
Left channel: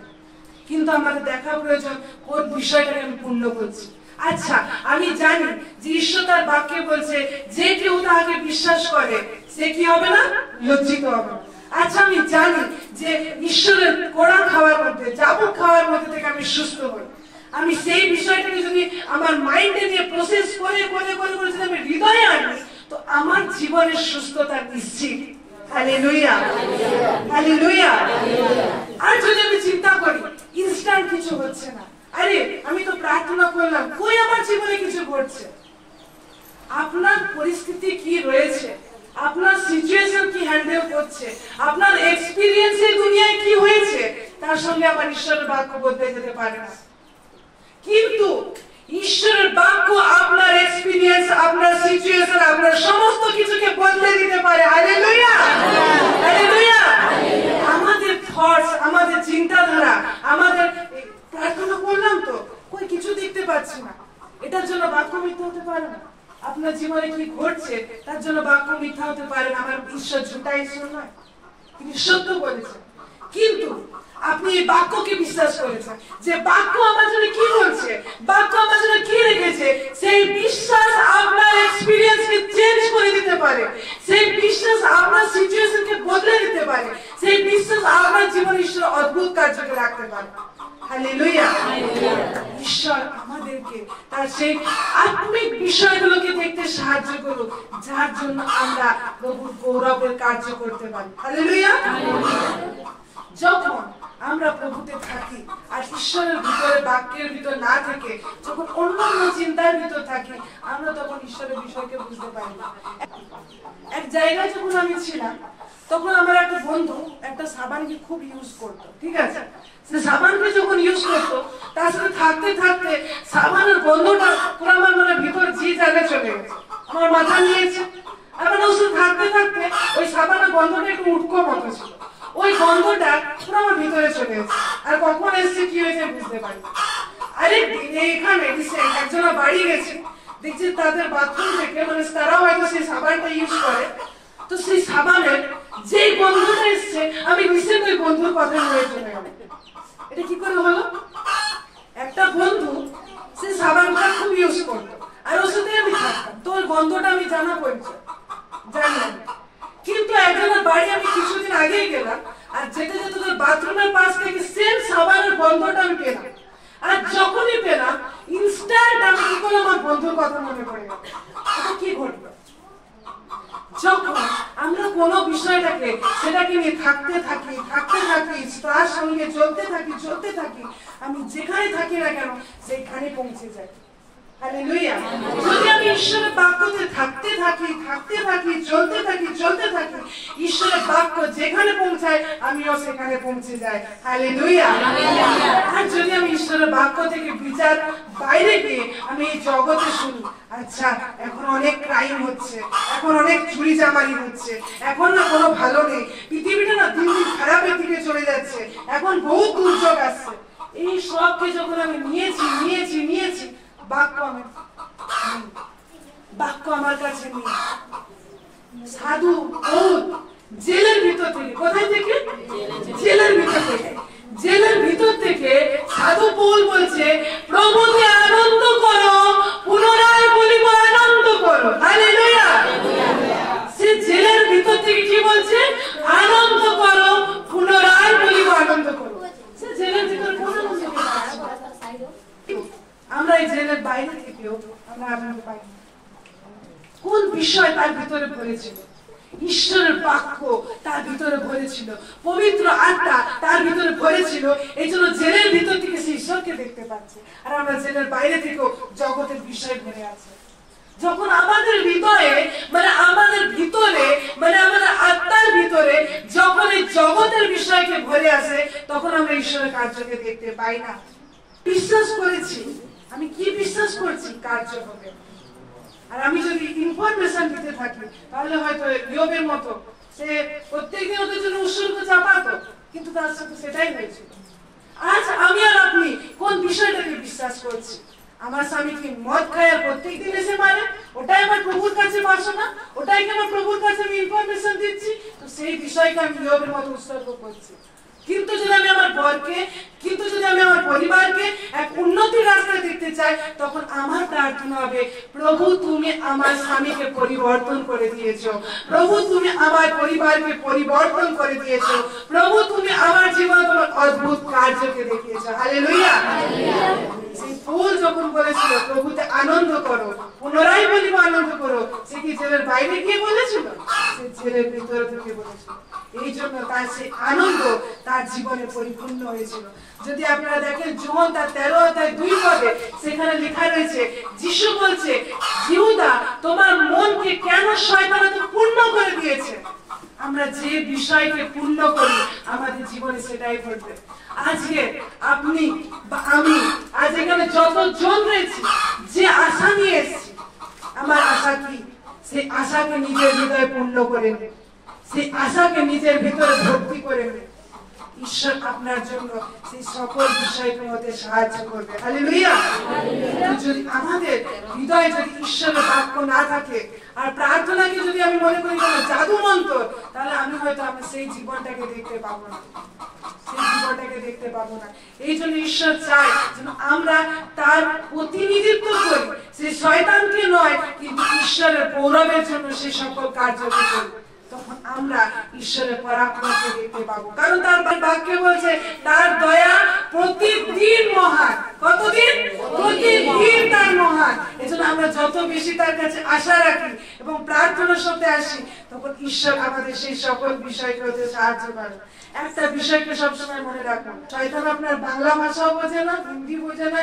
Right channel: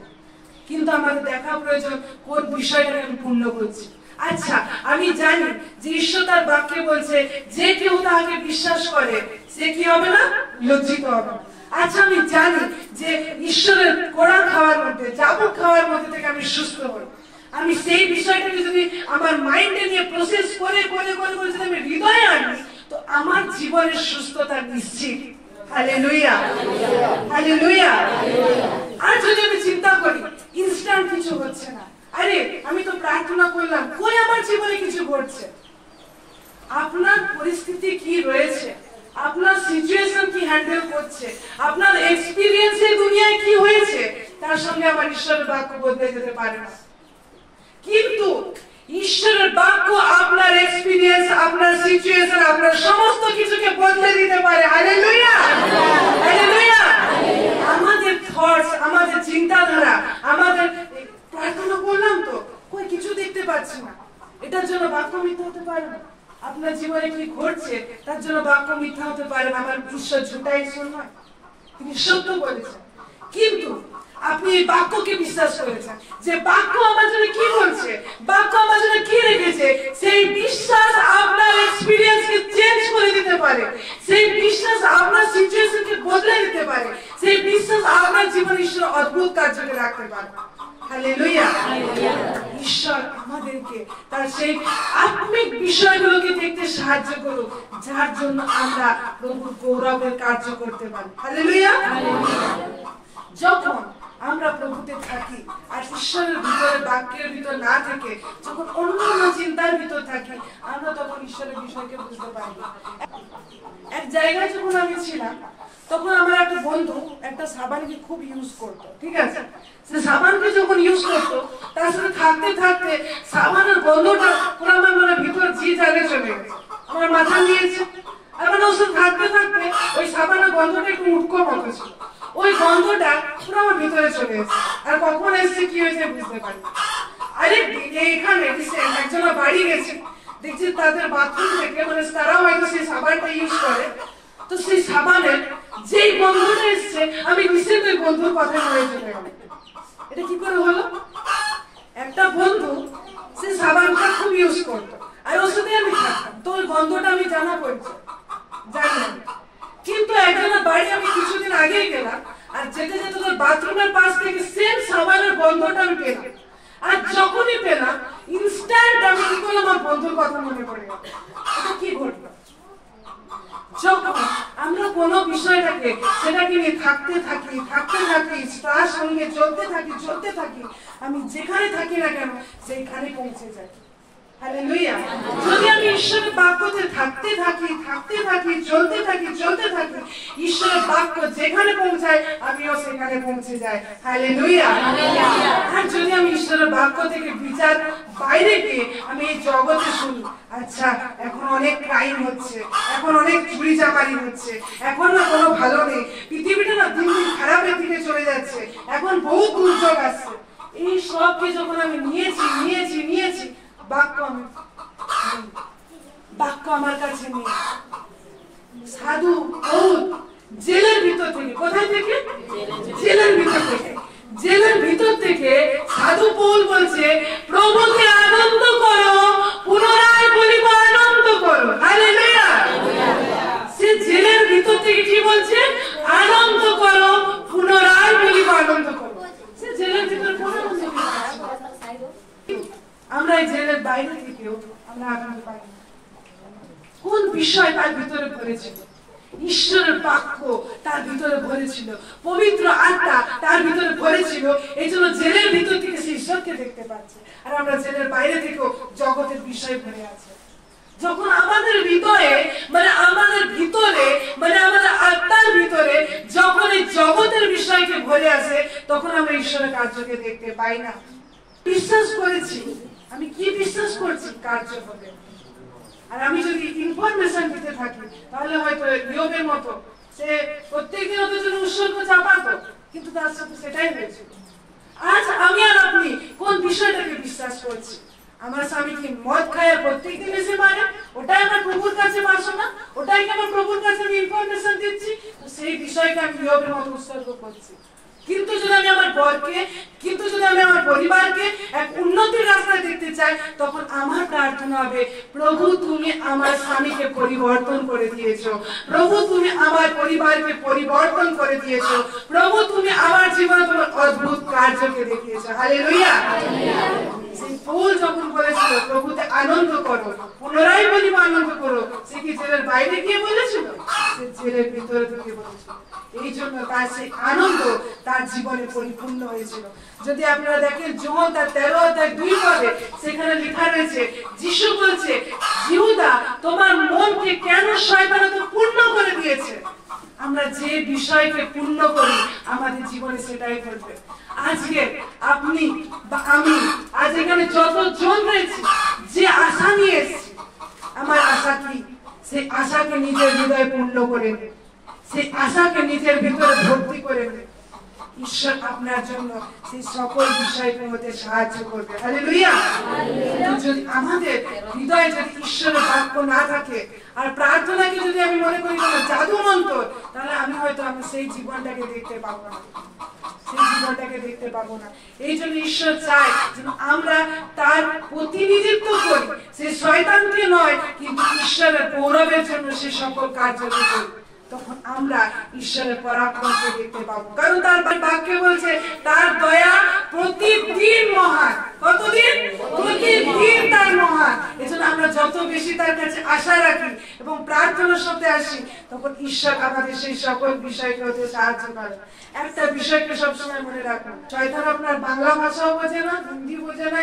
কিন্তু আমাদের দেখা প্রয়োজন কোন বিষয়টাকে আমি পূর্ণ করছি। আচ্ছা, আমি জানি যে ঈশ্বর তার বাক্যে বলছে, যে কেউ তাহাকে বিশ্বাস করে সে কি হবে না? লজ্জিত হবে না। আচ্ছা, আমি জানি যে ঈশ্বরের কোরআন খাওয়ার মধ্যে, জাবুক খাওয়ার মধ্যে থেকে আমি সুস্থ হই। আমি সেই বিষয়টাকে যদি আমার মাইন্ডে নিয়ে প্রসেস করে যদি আমি হৃদয়ে আনি, তো আমার জীবনের সুস্থতা নিশ্চিত। Hallelujah, hallelujah. আর যদি আমি চিন্তা করি ইনস্ট্যান্ট কিছু হচ্ছে না, আরে আমি তো প্রার্থনা করলাম, কই আমার জীবনে কিছু ঘটছে। আপনার পরিস্থিতি কি রয়েছে, আপনার সিচুয়েশন কি হ্যান্ডেল করছে, আপনার এক্সপিরিয়েন্স এই দুনিয়ায় কি হয়েছে, তার সঙ্গে আমার ঈশ্বরের বাক্য বদলে যেতে পারে না। কিন্তু ঈশ্বরের বাক্য আপনার এক্সপিরিয়েন্স, আপনার সিচুয়েশন, আপনার সমস্ত কিছুকে বদলে দিতে পারে। Hallelujah, hallelujah. আমাদের থটস, আমাদের চিন্তাধারা, আমাদের প্রার্থনা করলাম তো কই কিছু দেখতে পাচ্ছি না, এটার জন্য বাক্য মিথ্যা হতে পারে না। আপনার জীবনে কি ঘটছে তার জন্য বাক্য মিথ্যা হতে পারে না। আমার ঈশ্বর ঝুটা ঈশ্বর নয়, তিনি সত্য বলেছেন। কিন্তু আপনি এই বাক্যকে বিশ্বাস করেছেন যে বাক্য আমার জন্য কি বলছে, বাক্য আমার জন্য কি রেখেছে, সেই বিশ্বাস আপনার এক্সপিরিয়েন্সকে চেঞ্জ করে দিতে পারে, সেই বিশ্বাস আপনার সিচুয়েশনকে বদলে দিতে পারে, সেই বিশ্বাস আপনার জীবনে ঈশ্বর অদ্ভুত কার্যকে রাখতে পারে। হালেলুয়া। ঈশ্বর আমাদেরকে তার সেই আত্মিক বিষয়গুলোকে দেখতে সাহায্য করুক, যার জন্য আমরা প্রভুর গৌরবের কার্য করতে পারি। হালেলুয়া। যখন আমরা প্রভুতে থাকি আর ঈশ্বরের ভিতরে, বাক্যের ভিতর না থেকে যখন অন্যান্য চিন্তার ভিতর থাকি, আমরা তখন ঈশ্বরের বিষয়কে বুঝতে পারি না। এক জায়গায় যখন আমি ছিলাম, তখন আমার একটা বন্ধু একটা সাবানকে খুব ইউজ করতো, ঠিক আছে। সে সাবানকে যখন ইউজ করতো, তার সাথে থাকতে থাকতে সাবানের গন্ধটা পুরো আমার মনে ভিতর যে জায়গায় চলে গেছে, আমার মাথা নিয়েছে। এবার ওর সাথে থাকতে থাকতে ওই সাবানের গন্ধটা একটু উটকোর মতো ছিল, ওই গন্ধটা পুরো আমার ভিতরে চলে গেছে। আর কখন এসছে কি হয়েছে বুঝতে পারি। আরে এখানে একজনের বাড়ি গেছে, দেখছি তাদের বাথরুম থেকে, মানে তারাও হয়তো সেই সাবানটা ইউজ করে, তো সেই সাবানের যেই গন্ধটা এসছে, আমি নিশ্চিত ওই বন্ধুর কথা মনে চলে গেল। এটা কি করে হলো? একটা বন্ধু সে সাবানটা খুব ইউজ করতো, আর ওর সাথে আমি থাকতাম, তো ওই গন্ধটা আমি জানা পরিচয় জানি। কিন্তু একজনের বাড়ি আমি কিছুদিন আগে গেলাম, আর যেতে যেতে তোর বাথরুমের পাশ থেকে সেম সাবানের গন্ধটা আমি পেলাম। আর যখনই পেলাম, ইনস্ট্যান্ট আমি কি করলাম, আমার বন্ধুর কথা মনে পড়ে গেল। এটা কি ঘটলো? যখন আমরা কোনো বিষয়টাকে সেটাকে নিয়ে থাকতে থাকি, তার সঙ্গে চলতে থাকি, আমি যেখানে থাকি না কেন সেইখানে পৌঁছে যাই। হালেলুয়া। যদি আমি ঈশ্বরের বাক্যতে থাকতে থাকি, চলতে থাকি, ঈশ্বরের বাক্য যেখানে পৌঁছায় আমিও সেখানে পৌঁছে যাই। হালেলুয়া। আর যদি আমি ঈশ্বরের বাক্য থেকে বিচার বাইরে গিয়ে আমি এই জগতে শুনি, আচ্ছা এখন অনেক ক্রাইম হচ্ছে, এখন অনেক চুরি চামারি হচ্ছে, এখন না কোনো ভালো নেই, পৃথিবীটা না দিন দিন খারাপের দিকে চলে যাচ্ছে, এখন বহু দুর্যোগ আসছে, এই সবকে যখন আমি নিয়েছি বাক্য আমার কাছে নেই। সাধু পৌল জেলের ভিতর থেকে, কোথায় থেকে? জেলের ভিতর থেকে সাধু পৌল বলছে, প্রভুকে আনন্দ করো, পুনরায় বলিব আনন্দ করো। হালেলুয়া। সে জেলের ভিতর থেকে কি বলছে? আনন্দ করো, পুনরায় বলিব আনন্দ করো। সে জেলের ভিতর কোন আনন্দ এই জেলের বাইরে থেকেও আমরা আনন্দ পাই না? কোন বিষয় তার ভিতরে ভরেছিল? ঈশ্বরের বাক্য তার ভিতরে ভরেছিল, পবিত্র আত্মা তার ভিতরে ভরেছিল। এই জন্য জেলের ভিতর থেকে সে ঈশ্বরকে দেখতে পাচ্ছে। আর আমরা জেলের বাইরে থেকেও জগতের বিষয় ভরে আছে। যখন আমাদের হৃদয়ে আমাদের ভিতরে আমাদের আত্মার ভিতরে যখন এই জগতের বিষয়কে ভরে আছে, তখন আমরা ঈশ্বরের কার্যকে দেখতে পাই না। বিশ্বাস করেছি, আমি কি বিশ্বাস করছি? কার্য হবে। আর আমি যদি ইনফরমেশন দিতে থাকি, তাহলে হয়তো ইয়োবের মতো সে প্রত্যেকদিন ওদের জন্য উৎসর্গ চাপাতো, কিন্তু তার সাথে সেটাই হয়েছিল। আজ আমি আর আপনি কোন বিষয়টাকে বিশ্বাস করছি? আমার স্বামী কি মদ খায় আর প্রত্যেকদিন এসে মারে? ওটাই আমার প্রভুর কাছে বাসনা, ওটাই কি আমার প্রভুর কাছে আমি ইনফরমেশন দিচ্ছি? তো সেই বিষয়কে আমি ইয়োবের মতো উৎসর্গ করছি। কিন্তু যদি আমি আমার বরকে, কিন্তু যদি আমি আমার পরিবারকে এক উন্নতির রাস্তায় দেখতে চাই, তখন আমার প্রার্থনা হবে, প্রভু তুমি আমার স্বামীকে পরিবর্তন করে দিয়েছো, প্রভু তুমি আমার পরিবারকে পরিবর্তন করে দিয়েছো, প্রভু তুমি আমার জীবনে তোমার অদ্ভুত কার্যকে দেখিয়েছো। হালেলুয়া। সেই পৌল যখন বলেছিল প্রভুতে আনন্দ করো, পুনরায় বলিব আনন্দ করো, সে কি জেলের বাইরে গিয়ে বলেছিল? সে জেলের ভিতরে থেকে বলেছিল। এই জন্য তার সেই আনন্দ তার জীবনে পরিপূর্ণ হয়েছিল। যদি আপনারা দেখেন যোহন তার 13 অধ্যায় 2 পদে সেখানে লেখা রয়েছে, যিশু বলছে, জিহুদা তোমার মনকে কেন শয়তান এত পূর্ণ করে দিয়েছে? আমরা যে বিষয়কে পূর্ণ করি আমাদের জীবনে সেটাই ঘটবে। আজকে আপনি বা আমি আজ এখানে যতজন রয়েছি, যে আশা নিয়ে এসেছি, আমার আশা কি? সেই আশাকে নিজের হৃদয়ে পূর্ণ করে নেবে, সেই আশাকে নিজের ভিতরে ভর্তি করে নেবে। ঈশ্বর আপনার জন্য সেই সকল বিষয়কে হতে সাহায্য করবে। হালেলুয়া। যদি আমাদের হৃদয়ে যদি ঈশ্বরের বাক্য না থাকে আর প্রার্থনাকে যদি আমি মনে করি কোনো জাদু মন্ত্র, তাহলে আমি হয়তো আমি সেই জীবনটাকে দেখতে পাবো না, সেই জীবনটাকে দেখতে পাবো না। এই জন্য ঈশ্বর চায় যেন আমরা তার প্রতিনিধিত্ব করি, সেই শয়তানকে নয়, কিন্তু ঈশ্বরের গৌরবের জন্য সেই সকল কার্যকে করি। তখন আমরা ঈশ্বরের পরাক্রমকে দেখতে পাবো, কারণ তার বাক্যে বলছে তার দয়া প্রতিদিন মহান। কতদিন? প্রতিদিন তার মহান। এজন্য আমরা যত বেশি তার কাছে আশা রাখি এবং প্রার্থনার সাথে আসি, তখন ঈশ্বর আমাদের সেই সকল বিষয়কে হতে সাহায্য করে। একটা বিষয়কে সবসময় মনে রাখুন, শয়তান আপনার বাংলা ভাষাও বোঝে না, হিন্দি বোঝে না,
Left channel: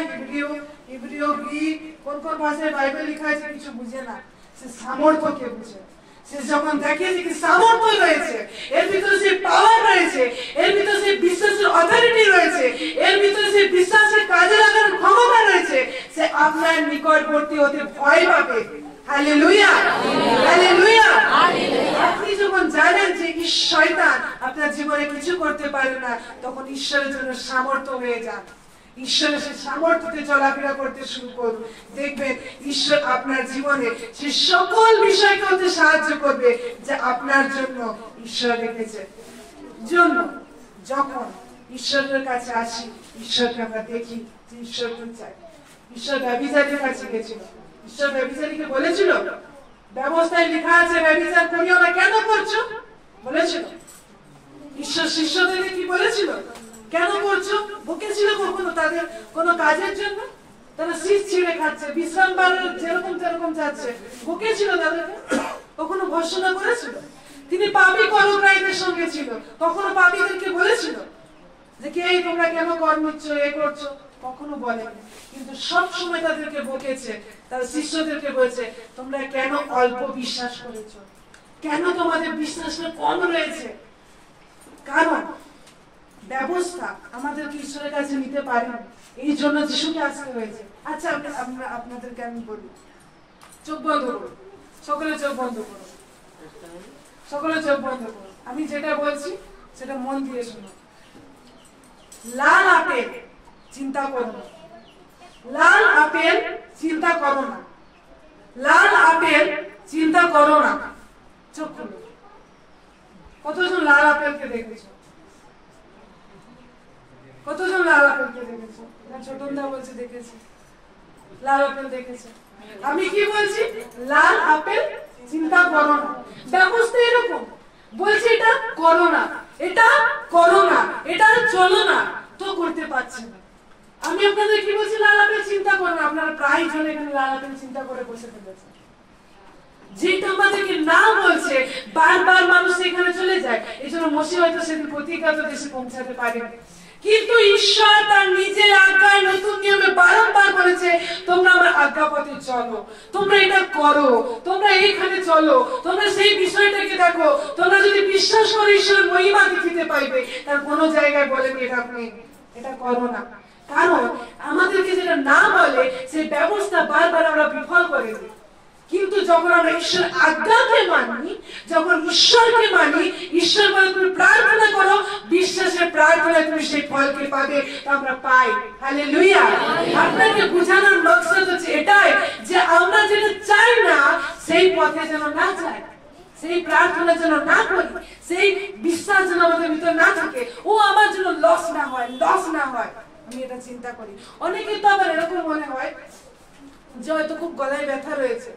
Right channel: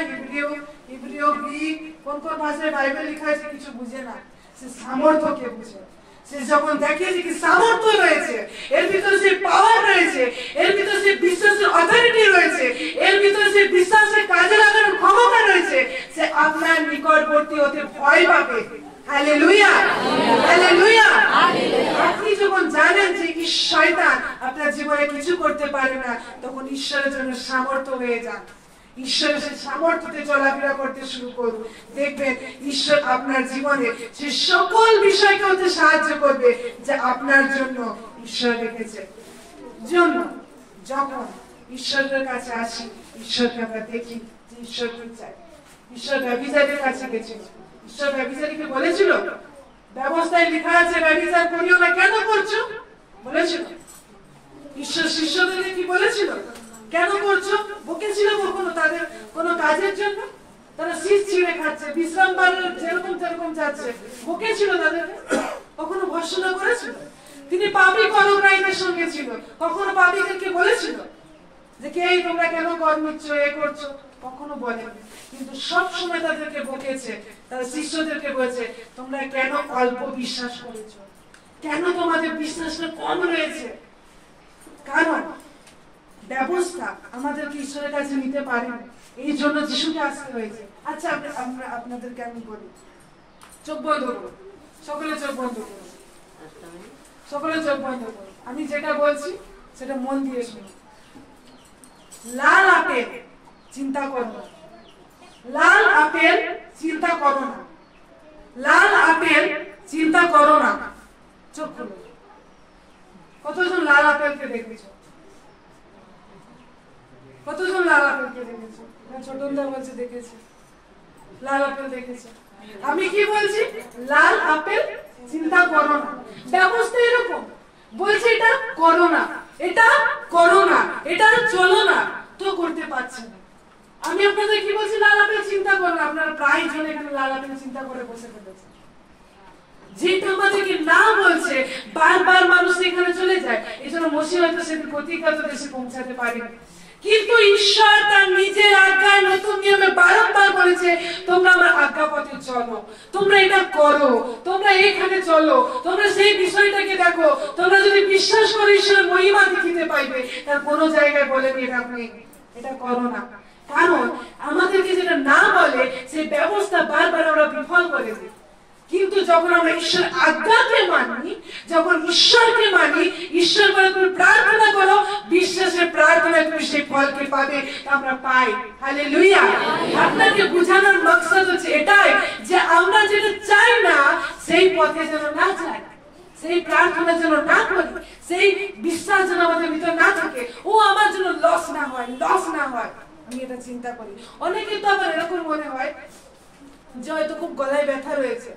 হিব্রিয় গ্রিক কোন কোন ভাষায় বাইবেল লেখা আছে কিছু বুঝে না, সে সামর্থ্যকে বুঝে। সে যখন দেখে যে সামর্থ্য রয়েছে, এর ভিতরে সে পাওয়ার রয়েছে, এর ভিতরে সে বিশ্বাসের অথরিটি রয়েছে, এর ভিতরে সে বিশ্বাসের কাজে লাগানোর ক্ষমতা রয়েছে, সে আপনার নিকটবর্তী হতে ভয় পাবে। Hallelujah, hallelujah. আপনি যখন জানেন যে শয়তান আপনার জীবনে কিছু করতে পারে না, তখন ঈশ্বরের জন্য সামর্থ্য হয়ে যান, ঈশ্বরের সেই সামর্থ্যতে চলাফেরা করতে শুরু করুন। দেখবেন ঈশ্বর আপনার জীবনে সেই সকল বিষয়কে হতে সাহায্য করবে যা আপনার জন্য ঈশ্বর রেখেছে। জন্য যখন ঈশ্বরের কাছে আসি, ঈশ্বরকে আমরা দেখি যে ঈশ্বর কি চাই। ঈশ্বর ব্যভিচারীর কাছে গেছিল, ঈশ্বর ব্যভিচারীকে বলেছিল, ব্যবস্থায় লেখা আছে ব্যভিচার করিও না, কেন করছো? বলেছিল। ঈশ্বর শিষ্যদেরকে কি বলেছিল? কেন করছো? বকেছিল কখনো তাদের কোন কাজের জন্য? তারা শীষ ছিঁড়ে খাচ্ছে, বিশ্রাম বারের যেরকম তেরকম যাচ্ছে, বকেছিল তাদেরকে? কখনো ভর্ৎসনা করেছিল? তিনি পাপী পরগ্রাহীদের সঙ্গে ছিল, কখনো পাপীদেরকে বলেছিল যে কে তোমরা কেন কর নিচ্ছ, এ করছো? কখনো বলেনি। কিন্তু সব সময় তাদেরকে বকেছে, তার শিষ্যদেরকে বলেছে তোমরা কেন অল্প বিশ্বাস করেছো, কেন তোমাদের বিশ্বাসটা কম রয়েছে? কারণ ব্যবস্থা আমাদেরকে ঈশ্বরের কাছে নিতে পারে, এই জন্য যিশুকে আসতে হয়েছে। আচ্ছা, আমরা আপনাদেরকে আমি বলি, চোখ বন্ধ করুন, সকলে চোখ বন্ধ করুন, সকলে চোখ বন্ধ করুন। আমি যেটা বলছি সেটা মন দিয়ে শুনুন। লাল আপেল চিন্তা করো না, লাল আপেল চিন্তা করো না, লাল আপেল চিন্তা করো না। চোখ খুলো। কতজন লাল আপেলকে দেখেছো? কতজন লাল আপেলকে দেখেছো? ছোটনদা বলছে দেখেছি, লাল আপেল দেখেছে। আমি কি বলছি? লাল আপেল চিন্তা করো না। ব্যবস্থা এরকম বলছে, এটা করো না, এটা করো না, এটা চলো না, তো করতে পারছে না। আমি আমি আপনাদের কি বলছি, লাল আপেল চিন্তা করুন। আপনারা প্রায় জন এখানে লাল আপেল চিন্তা করে বসে ফেলেছেন। যেটা আমাদেরকে না বলছে, বারবার মানুষ এখানে চলে যায়। এই জন্য মসি হয়তো সেদিন প্রতিজ্ঞাত দেশে পৌঁছাতে পারেন, কিন্তু ঈশ্বর তার নিজের আজ্ঞায় নতুন নিয়মে বারবার বলেছে, তোমরা আমার আজ্ঞা পথে চলো, তোমরা এটা করো, তোমরা এইখানে চলো, তোমরা সেই বিষয়টাকে দেখো। তোমরা যদি বিশ্বাস করো ঈশ্বরের মহিমা দেখিতে পাইবে। তার কোনো জায়গায় বলেন এটা আপনি এটা করো না, কারণ আমাদেরকে যেটা না বলে সেই ব্যবস্থা বারবার আমরা বিফল করে দিই। কিন্তু যখন আমরা ঈশ্বর আজ্ঞাকে মানি, যখন ঈশ্বরকে মানি, ঈশ্বর বলে তুমি প্রার্থনা করো, বিশ্বাসের প্রার্থনায় তুমি সেই ফলকে পাবে, আমরা পাই। হালেলুয়া। আপনাকে বোঝানোর মকসদ হচ্ছে এটাই যে আমরা যেটা চাই না সেই পথে যেন না যাই, সেই প্রার্থনা যেন না করি, সেই বিশ্বাস যেন আমাদের ভিতর না থাকে, ও আমার জন্য লস না হয়, লস না হয়। আমি এটা চিন্তা করি। অনেকে তো আবার এরকম মনে হয় যে হয়তো খুব গলায় ব্যথা রয়েছে,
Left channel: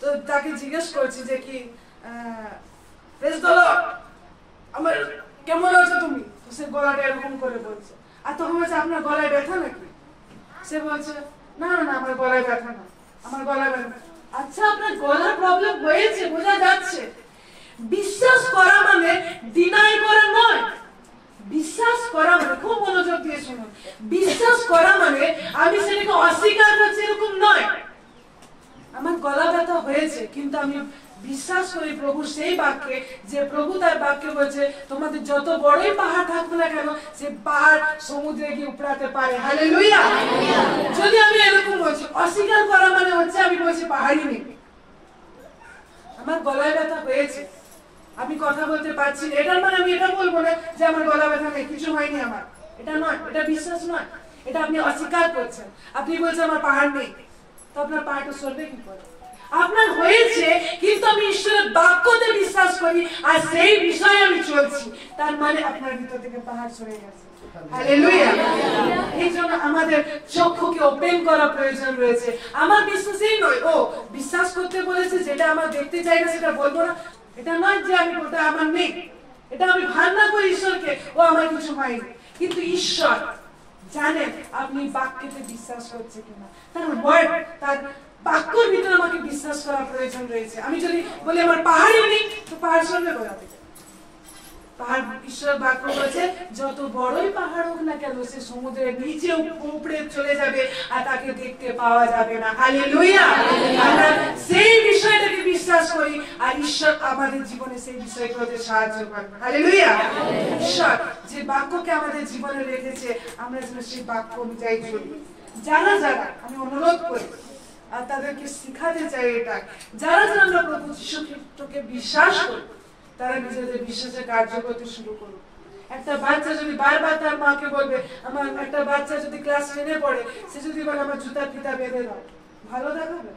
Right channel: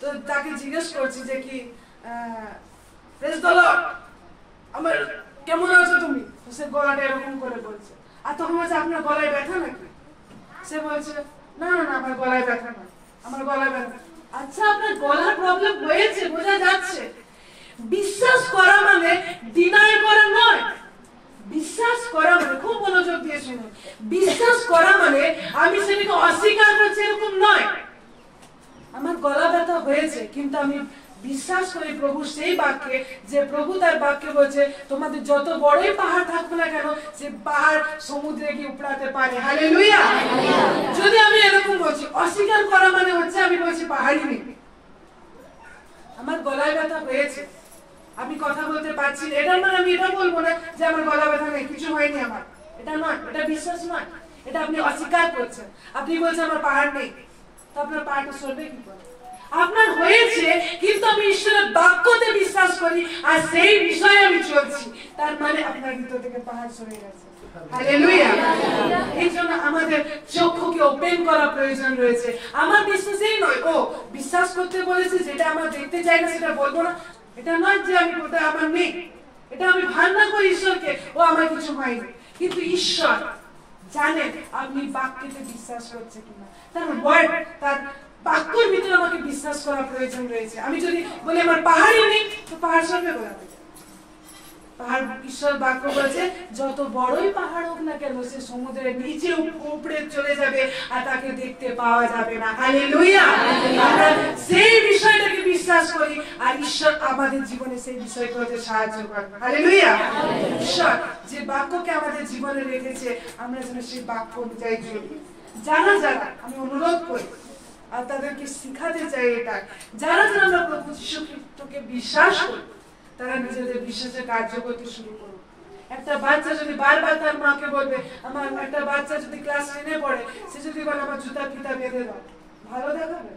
তো তাকে জিজ্ঞেস করছি যে কি প্রেজ দ্য লর্ড, আমার কেমন আছো তুমি? তো সে গলাটা এরকম করে বলছে। আর তখন বলছে আপনার গলায় ব্যথা নাকি? সে বলছে না না আমার গলায় ব্যথা না, আমার গলায় ব্যথা। আচ্ছা আপনার গলার প্রবলেম হয়েছে, বোঝা যাচ্ছে। বিশ্বাস করা মানে ডিনাই করা নয়। বিশ্বাস করা মানে, খুব মনোযোগ দিয়ে শুনুন, বিশ্বাস করা মানে আমি সেটাকে অস্বীকার করছি এরকম নয়। আমার গলা ব্যথা হয়েছে, কিন্তু আমি বিশ্বাস করি প্রভু সেই বাক্যে, যে প্রভু তার বাক্যে বলছে তোমাদের যত বড়ই পাহাড় থাকুক না কেন, সে পাহাড় সমুদ্রে গিয়ে উপড়াতে পারে। হালেলুয়া। যদি আমি এরকম বলছি, অস্বীকার করা মানে হচ্ছে আমি বলছি পাহাড়ই নেই, আমার গলায় ব্যথা হয়েছে, আমি কথা বলতে পারছি না, এটার মানে আমি এটা বলবো না যে আমার গলা ব্যথা নেই, কিছু হয়নি আমার। এটা নয়, এটা বিশ্বাস নয়, এটা আপনি অস্বীকার করছেন। আপনি বলছেন আমার পাহাড় নেই, তো আপনার পাহাড়টা সরবে কি করে? আপনার হয়েছে, কিন্তু আমি ঈশ্বরের বাক্যতে বিশ্বাস করি আর সেই বিষয়ে আমি চলছি, তার মানে আপনার ভিতর থেকে পাহাড় সরে গেছে। হালেলুয়া। এই জন্য আমাদের চক্ষুকে ওপেন করা প্রয়োজন রয়েছে। আমার বিশ্বাসই নয়, ও বিশ্বাস করতে বলেছে, যেটা আমার দেখতে চাই না সেটা বলবো না, এটা নয় যে আমি বলতে আমার নেই, এটা আমি ভাবনা করি ঈশ্বরকে, ও আমার কিছু হয়নি। কিন্তু ঈশ্বর জানেন আপনি বাক্যতে বিশ্বাস করছে কিনা, তার ওয়ার্ড, তার বাক্যের ভিতরে আমাকে বিশ্বাস করা প্রয়োজন রয়েছে। আমি যদি বলি আমার পাহাড়ই নেই, তো পাহাড় সরবে কোথা থেকে? পাহাড়, ঈশ্বর বাক্য বলেছে যত বড়ই পাহাড় হোক না কেন, সে সমুদ্রের নিচে উপড়ে চলে যাবে আর তাকে দেখতে পাওয়া যাবে না। হালেলুয়া। আমরা সেই বিষয়টাকে বিশ্বাস করি আর ঈশ্বর আমাদের জীবনে সেই বিষয়গুলোতে সাহায্য করবে। হালেলুয়া। ঈশ্বর যে বাক্যকে আমাদের জীবনে রেখেছে, আমরা যেন সেই বাক্য অনুযায়ী চলি। যারা যারা, আমি অনুরোধ করি আর তাদেরকে শিখাতে চাই এটা, যারা যারা আমরা প্রভু যীশু খ্রিস্টকে বিশ্বাস করি, তারা নিজেদের বিশ্বাসের কার্য করতে শুরু করুন। একটা বাচ্চা যদি বারবার তার মাকে বলবে, আমার একটা বাচ্চা যদি ক্লাস 10-এ পড়ে, সে যদি বলে আমার জুতার ফিতা বেঁধে দাও, ভালো দেখাবে?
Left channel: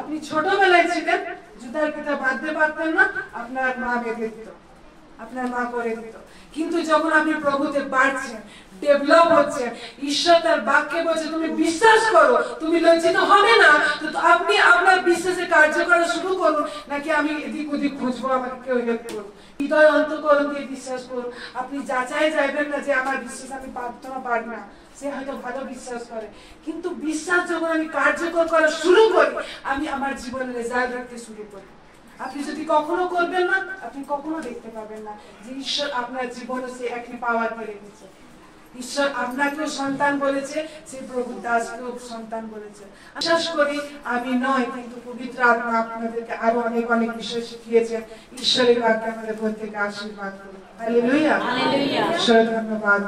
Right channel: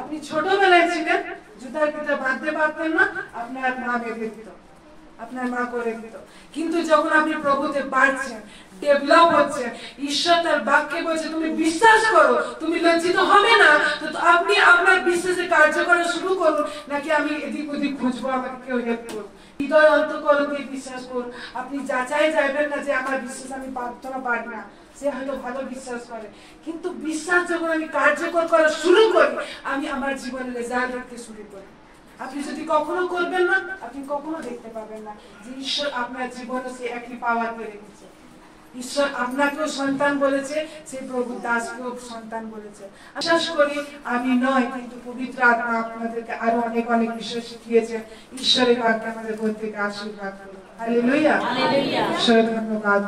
আপনি ছোটবেলায় ছিলেন, জুতার ফিতা বাঁধতে পারতেন না, আপনার মা বেঁধে দিত, আপনার মা করে দিত। কিন্তু যখন আপনি প্রভুতে বাড়ছেন, ডেভেলপ হচ্ছেন, ঈশ্বর তার বাক্যে বলছে তুমি বিশ্বাস করো, তুমি লজ্জিত হবে না, তো আপনি আপনার বিশ্বাসে কার্য করা শুরু করুন, নাকি আমি এদিক ওদিক খুঁজবো আমাকে কেউ হেল্প করুন। হৃদয় অন্তঃকরণ দিয়ে বিশ্বাস করুন। আপনি যাচাই যাইবেন না যে আমার বিশ্বাস আমি প্রার্থনা পারি না, সে হয়তো ভালো বিশ্বাস করে, কিন্তু বিশ্বাস যখন আমি কার্যকর করা শুরু করি, আমি আমার জীবনের রেজাল্ট দেখতে শুরু করি। আপনি যদি কখনো করবেন না, আপনি কখনো দেখতে পাবেন না যে ঈশ্বর আপনার জীবনে সে একই পাওয়ার ফেলে দিচ্ছে। ঈশ্বর আপনাকেও সন্তান বলেছে, সে প্রভু দাসকেও সন্তান বলেছে। বিশ্বাস করি আমি নয়, কিন্তু পবিত্র আত্মা আপনাদেরকে আরো অনেক অনেক বিষয় শিখিয়েছেন। ঈশ্বরের বাক্যে আমাদের প্রত্যেককে আশীর্বাদ করুন। হালেলুয়া। ঈশ্বরের ধন্যবাদ।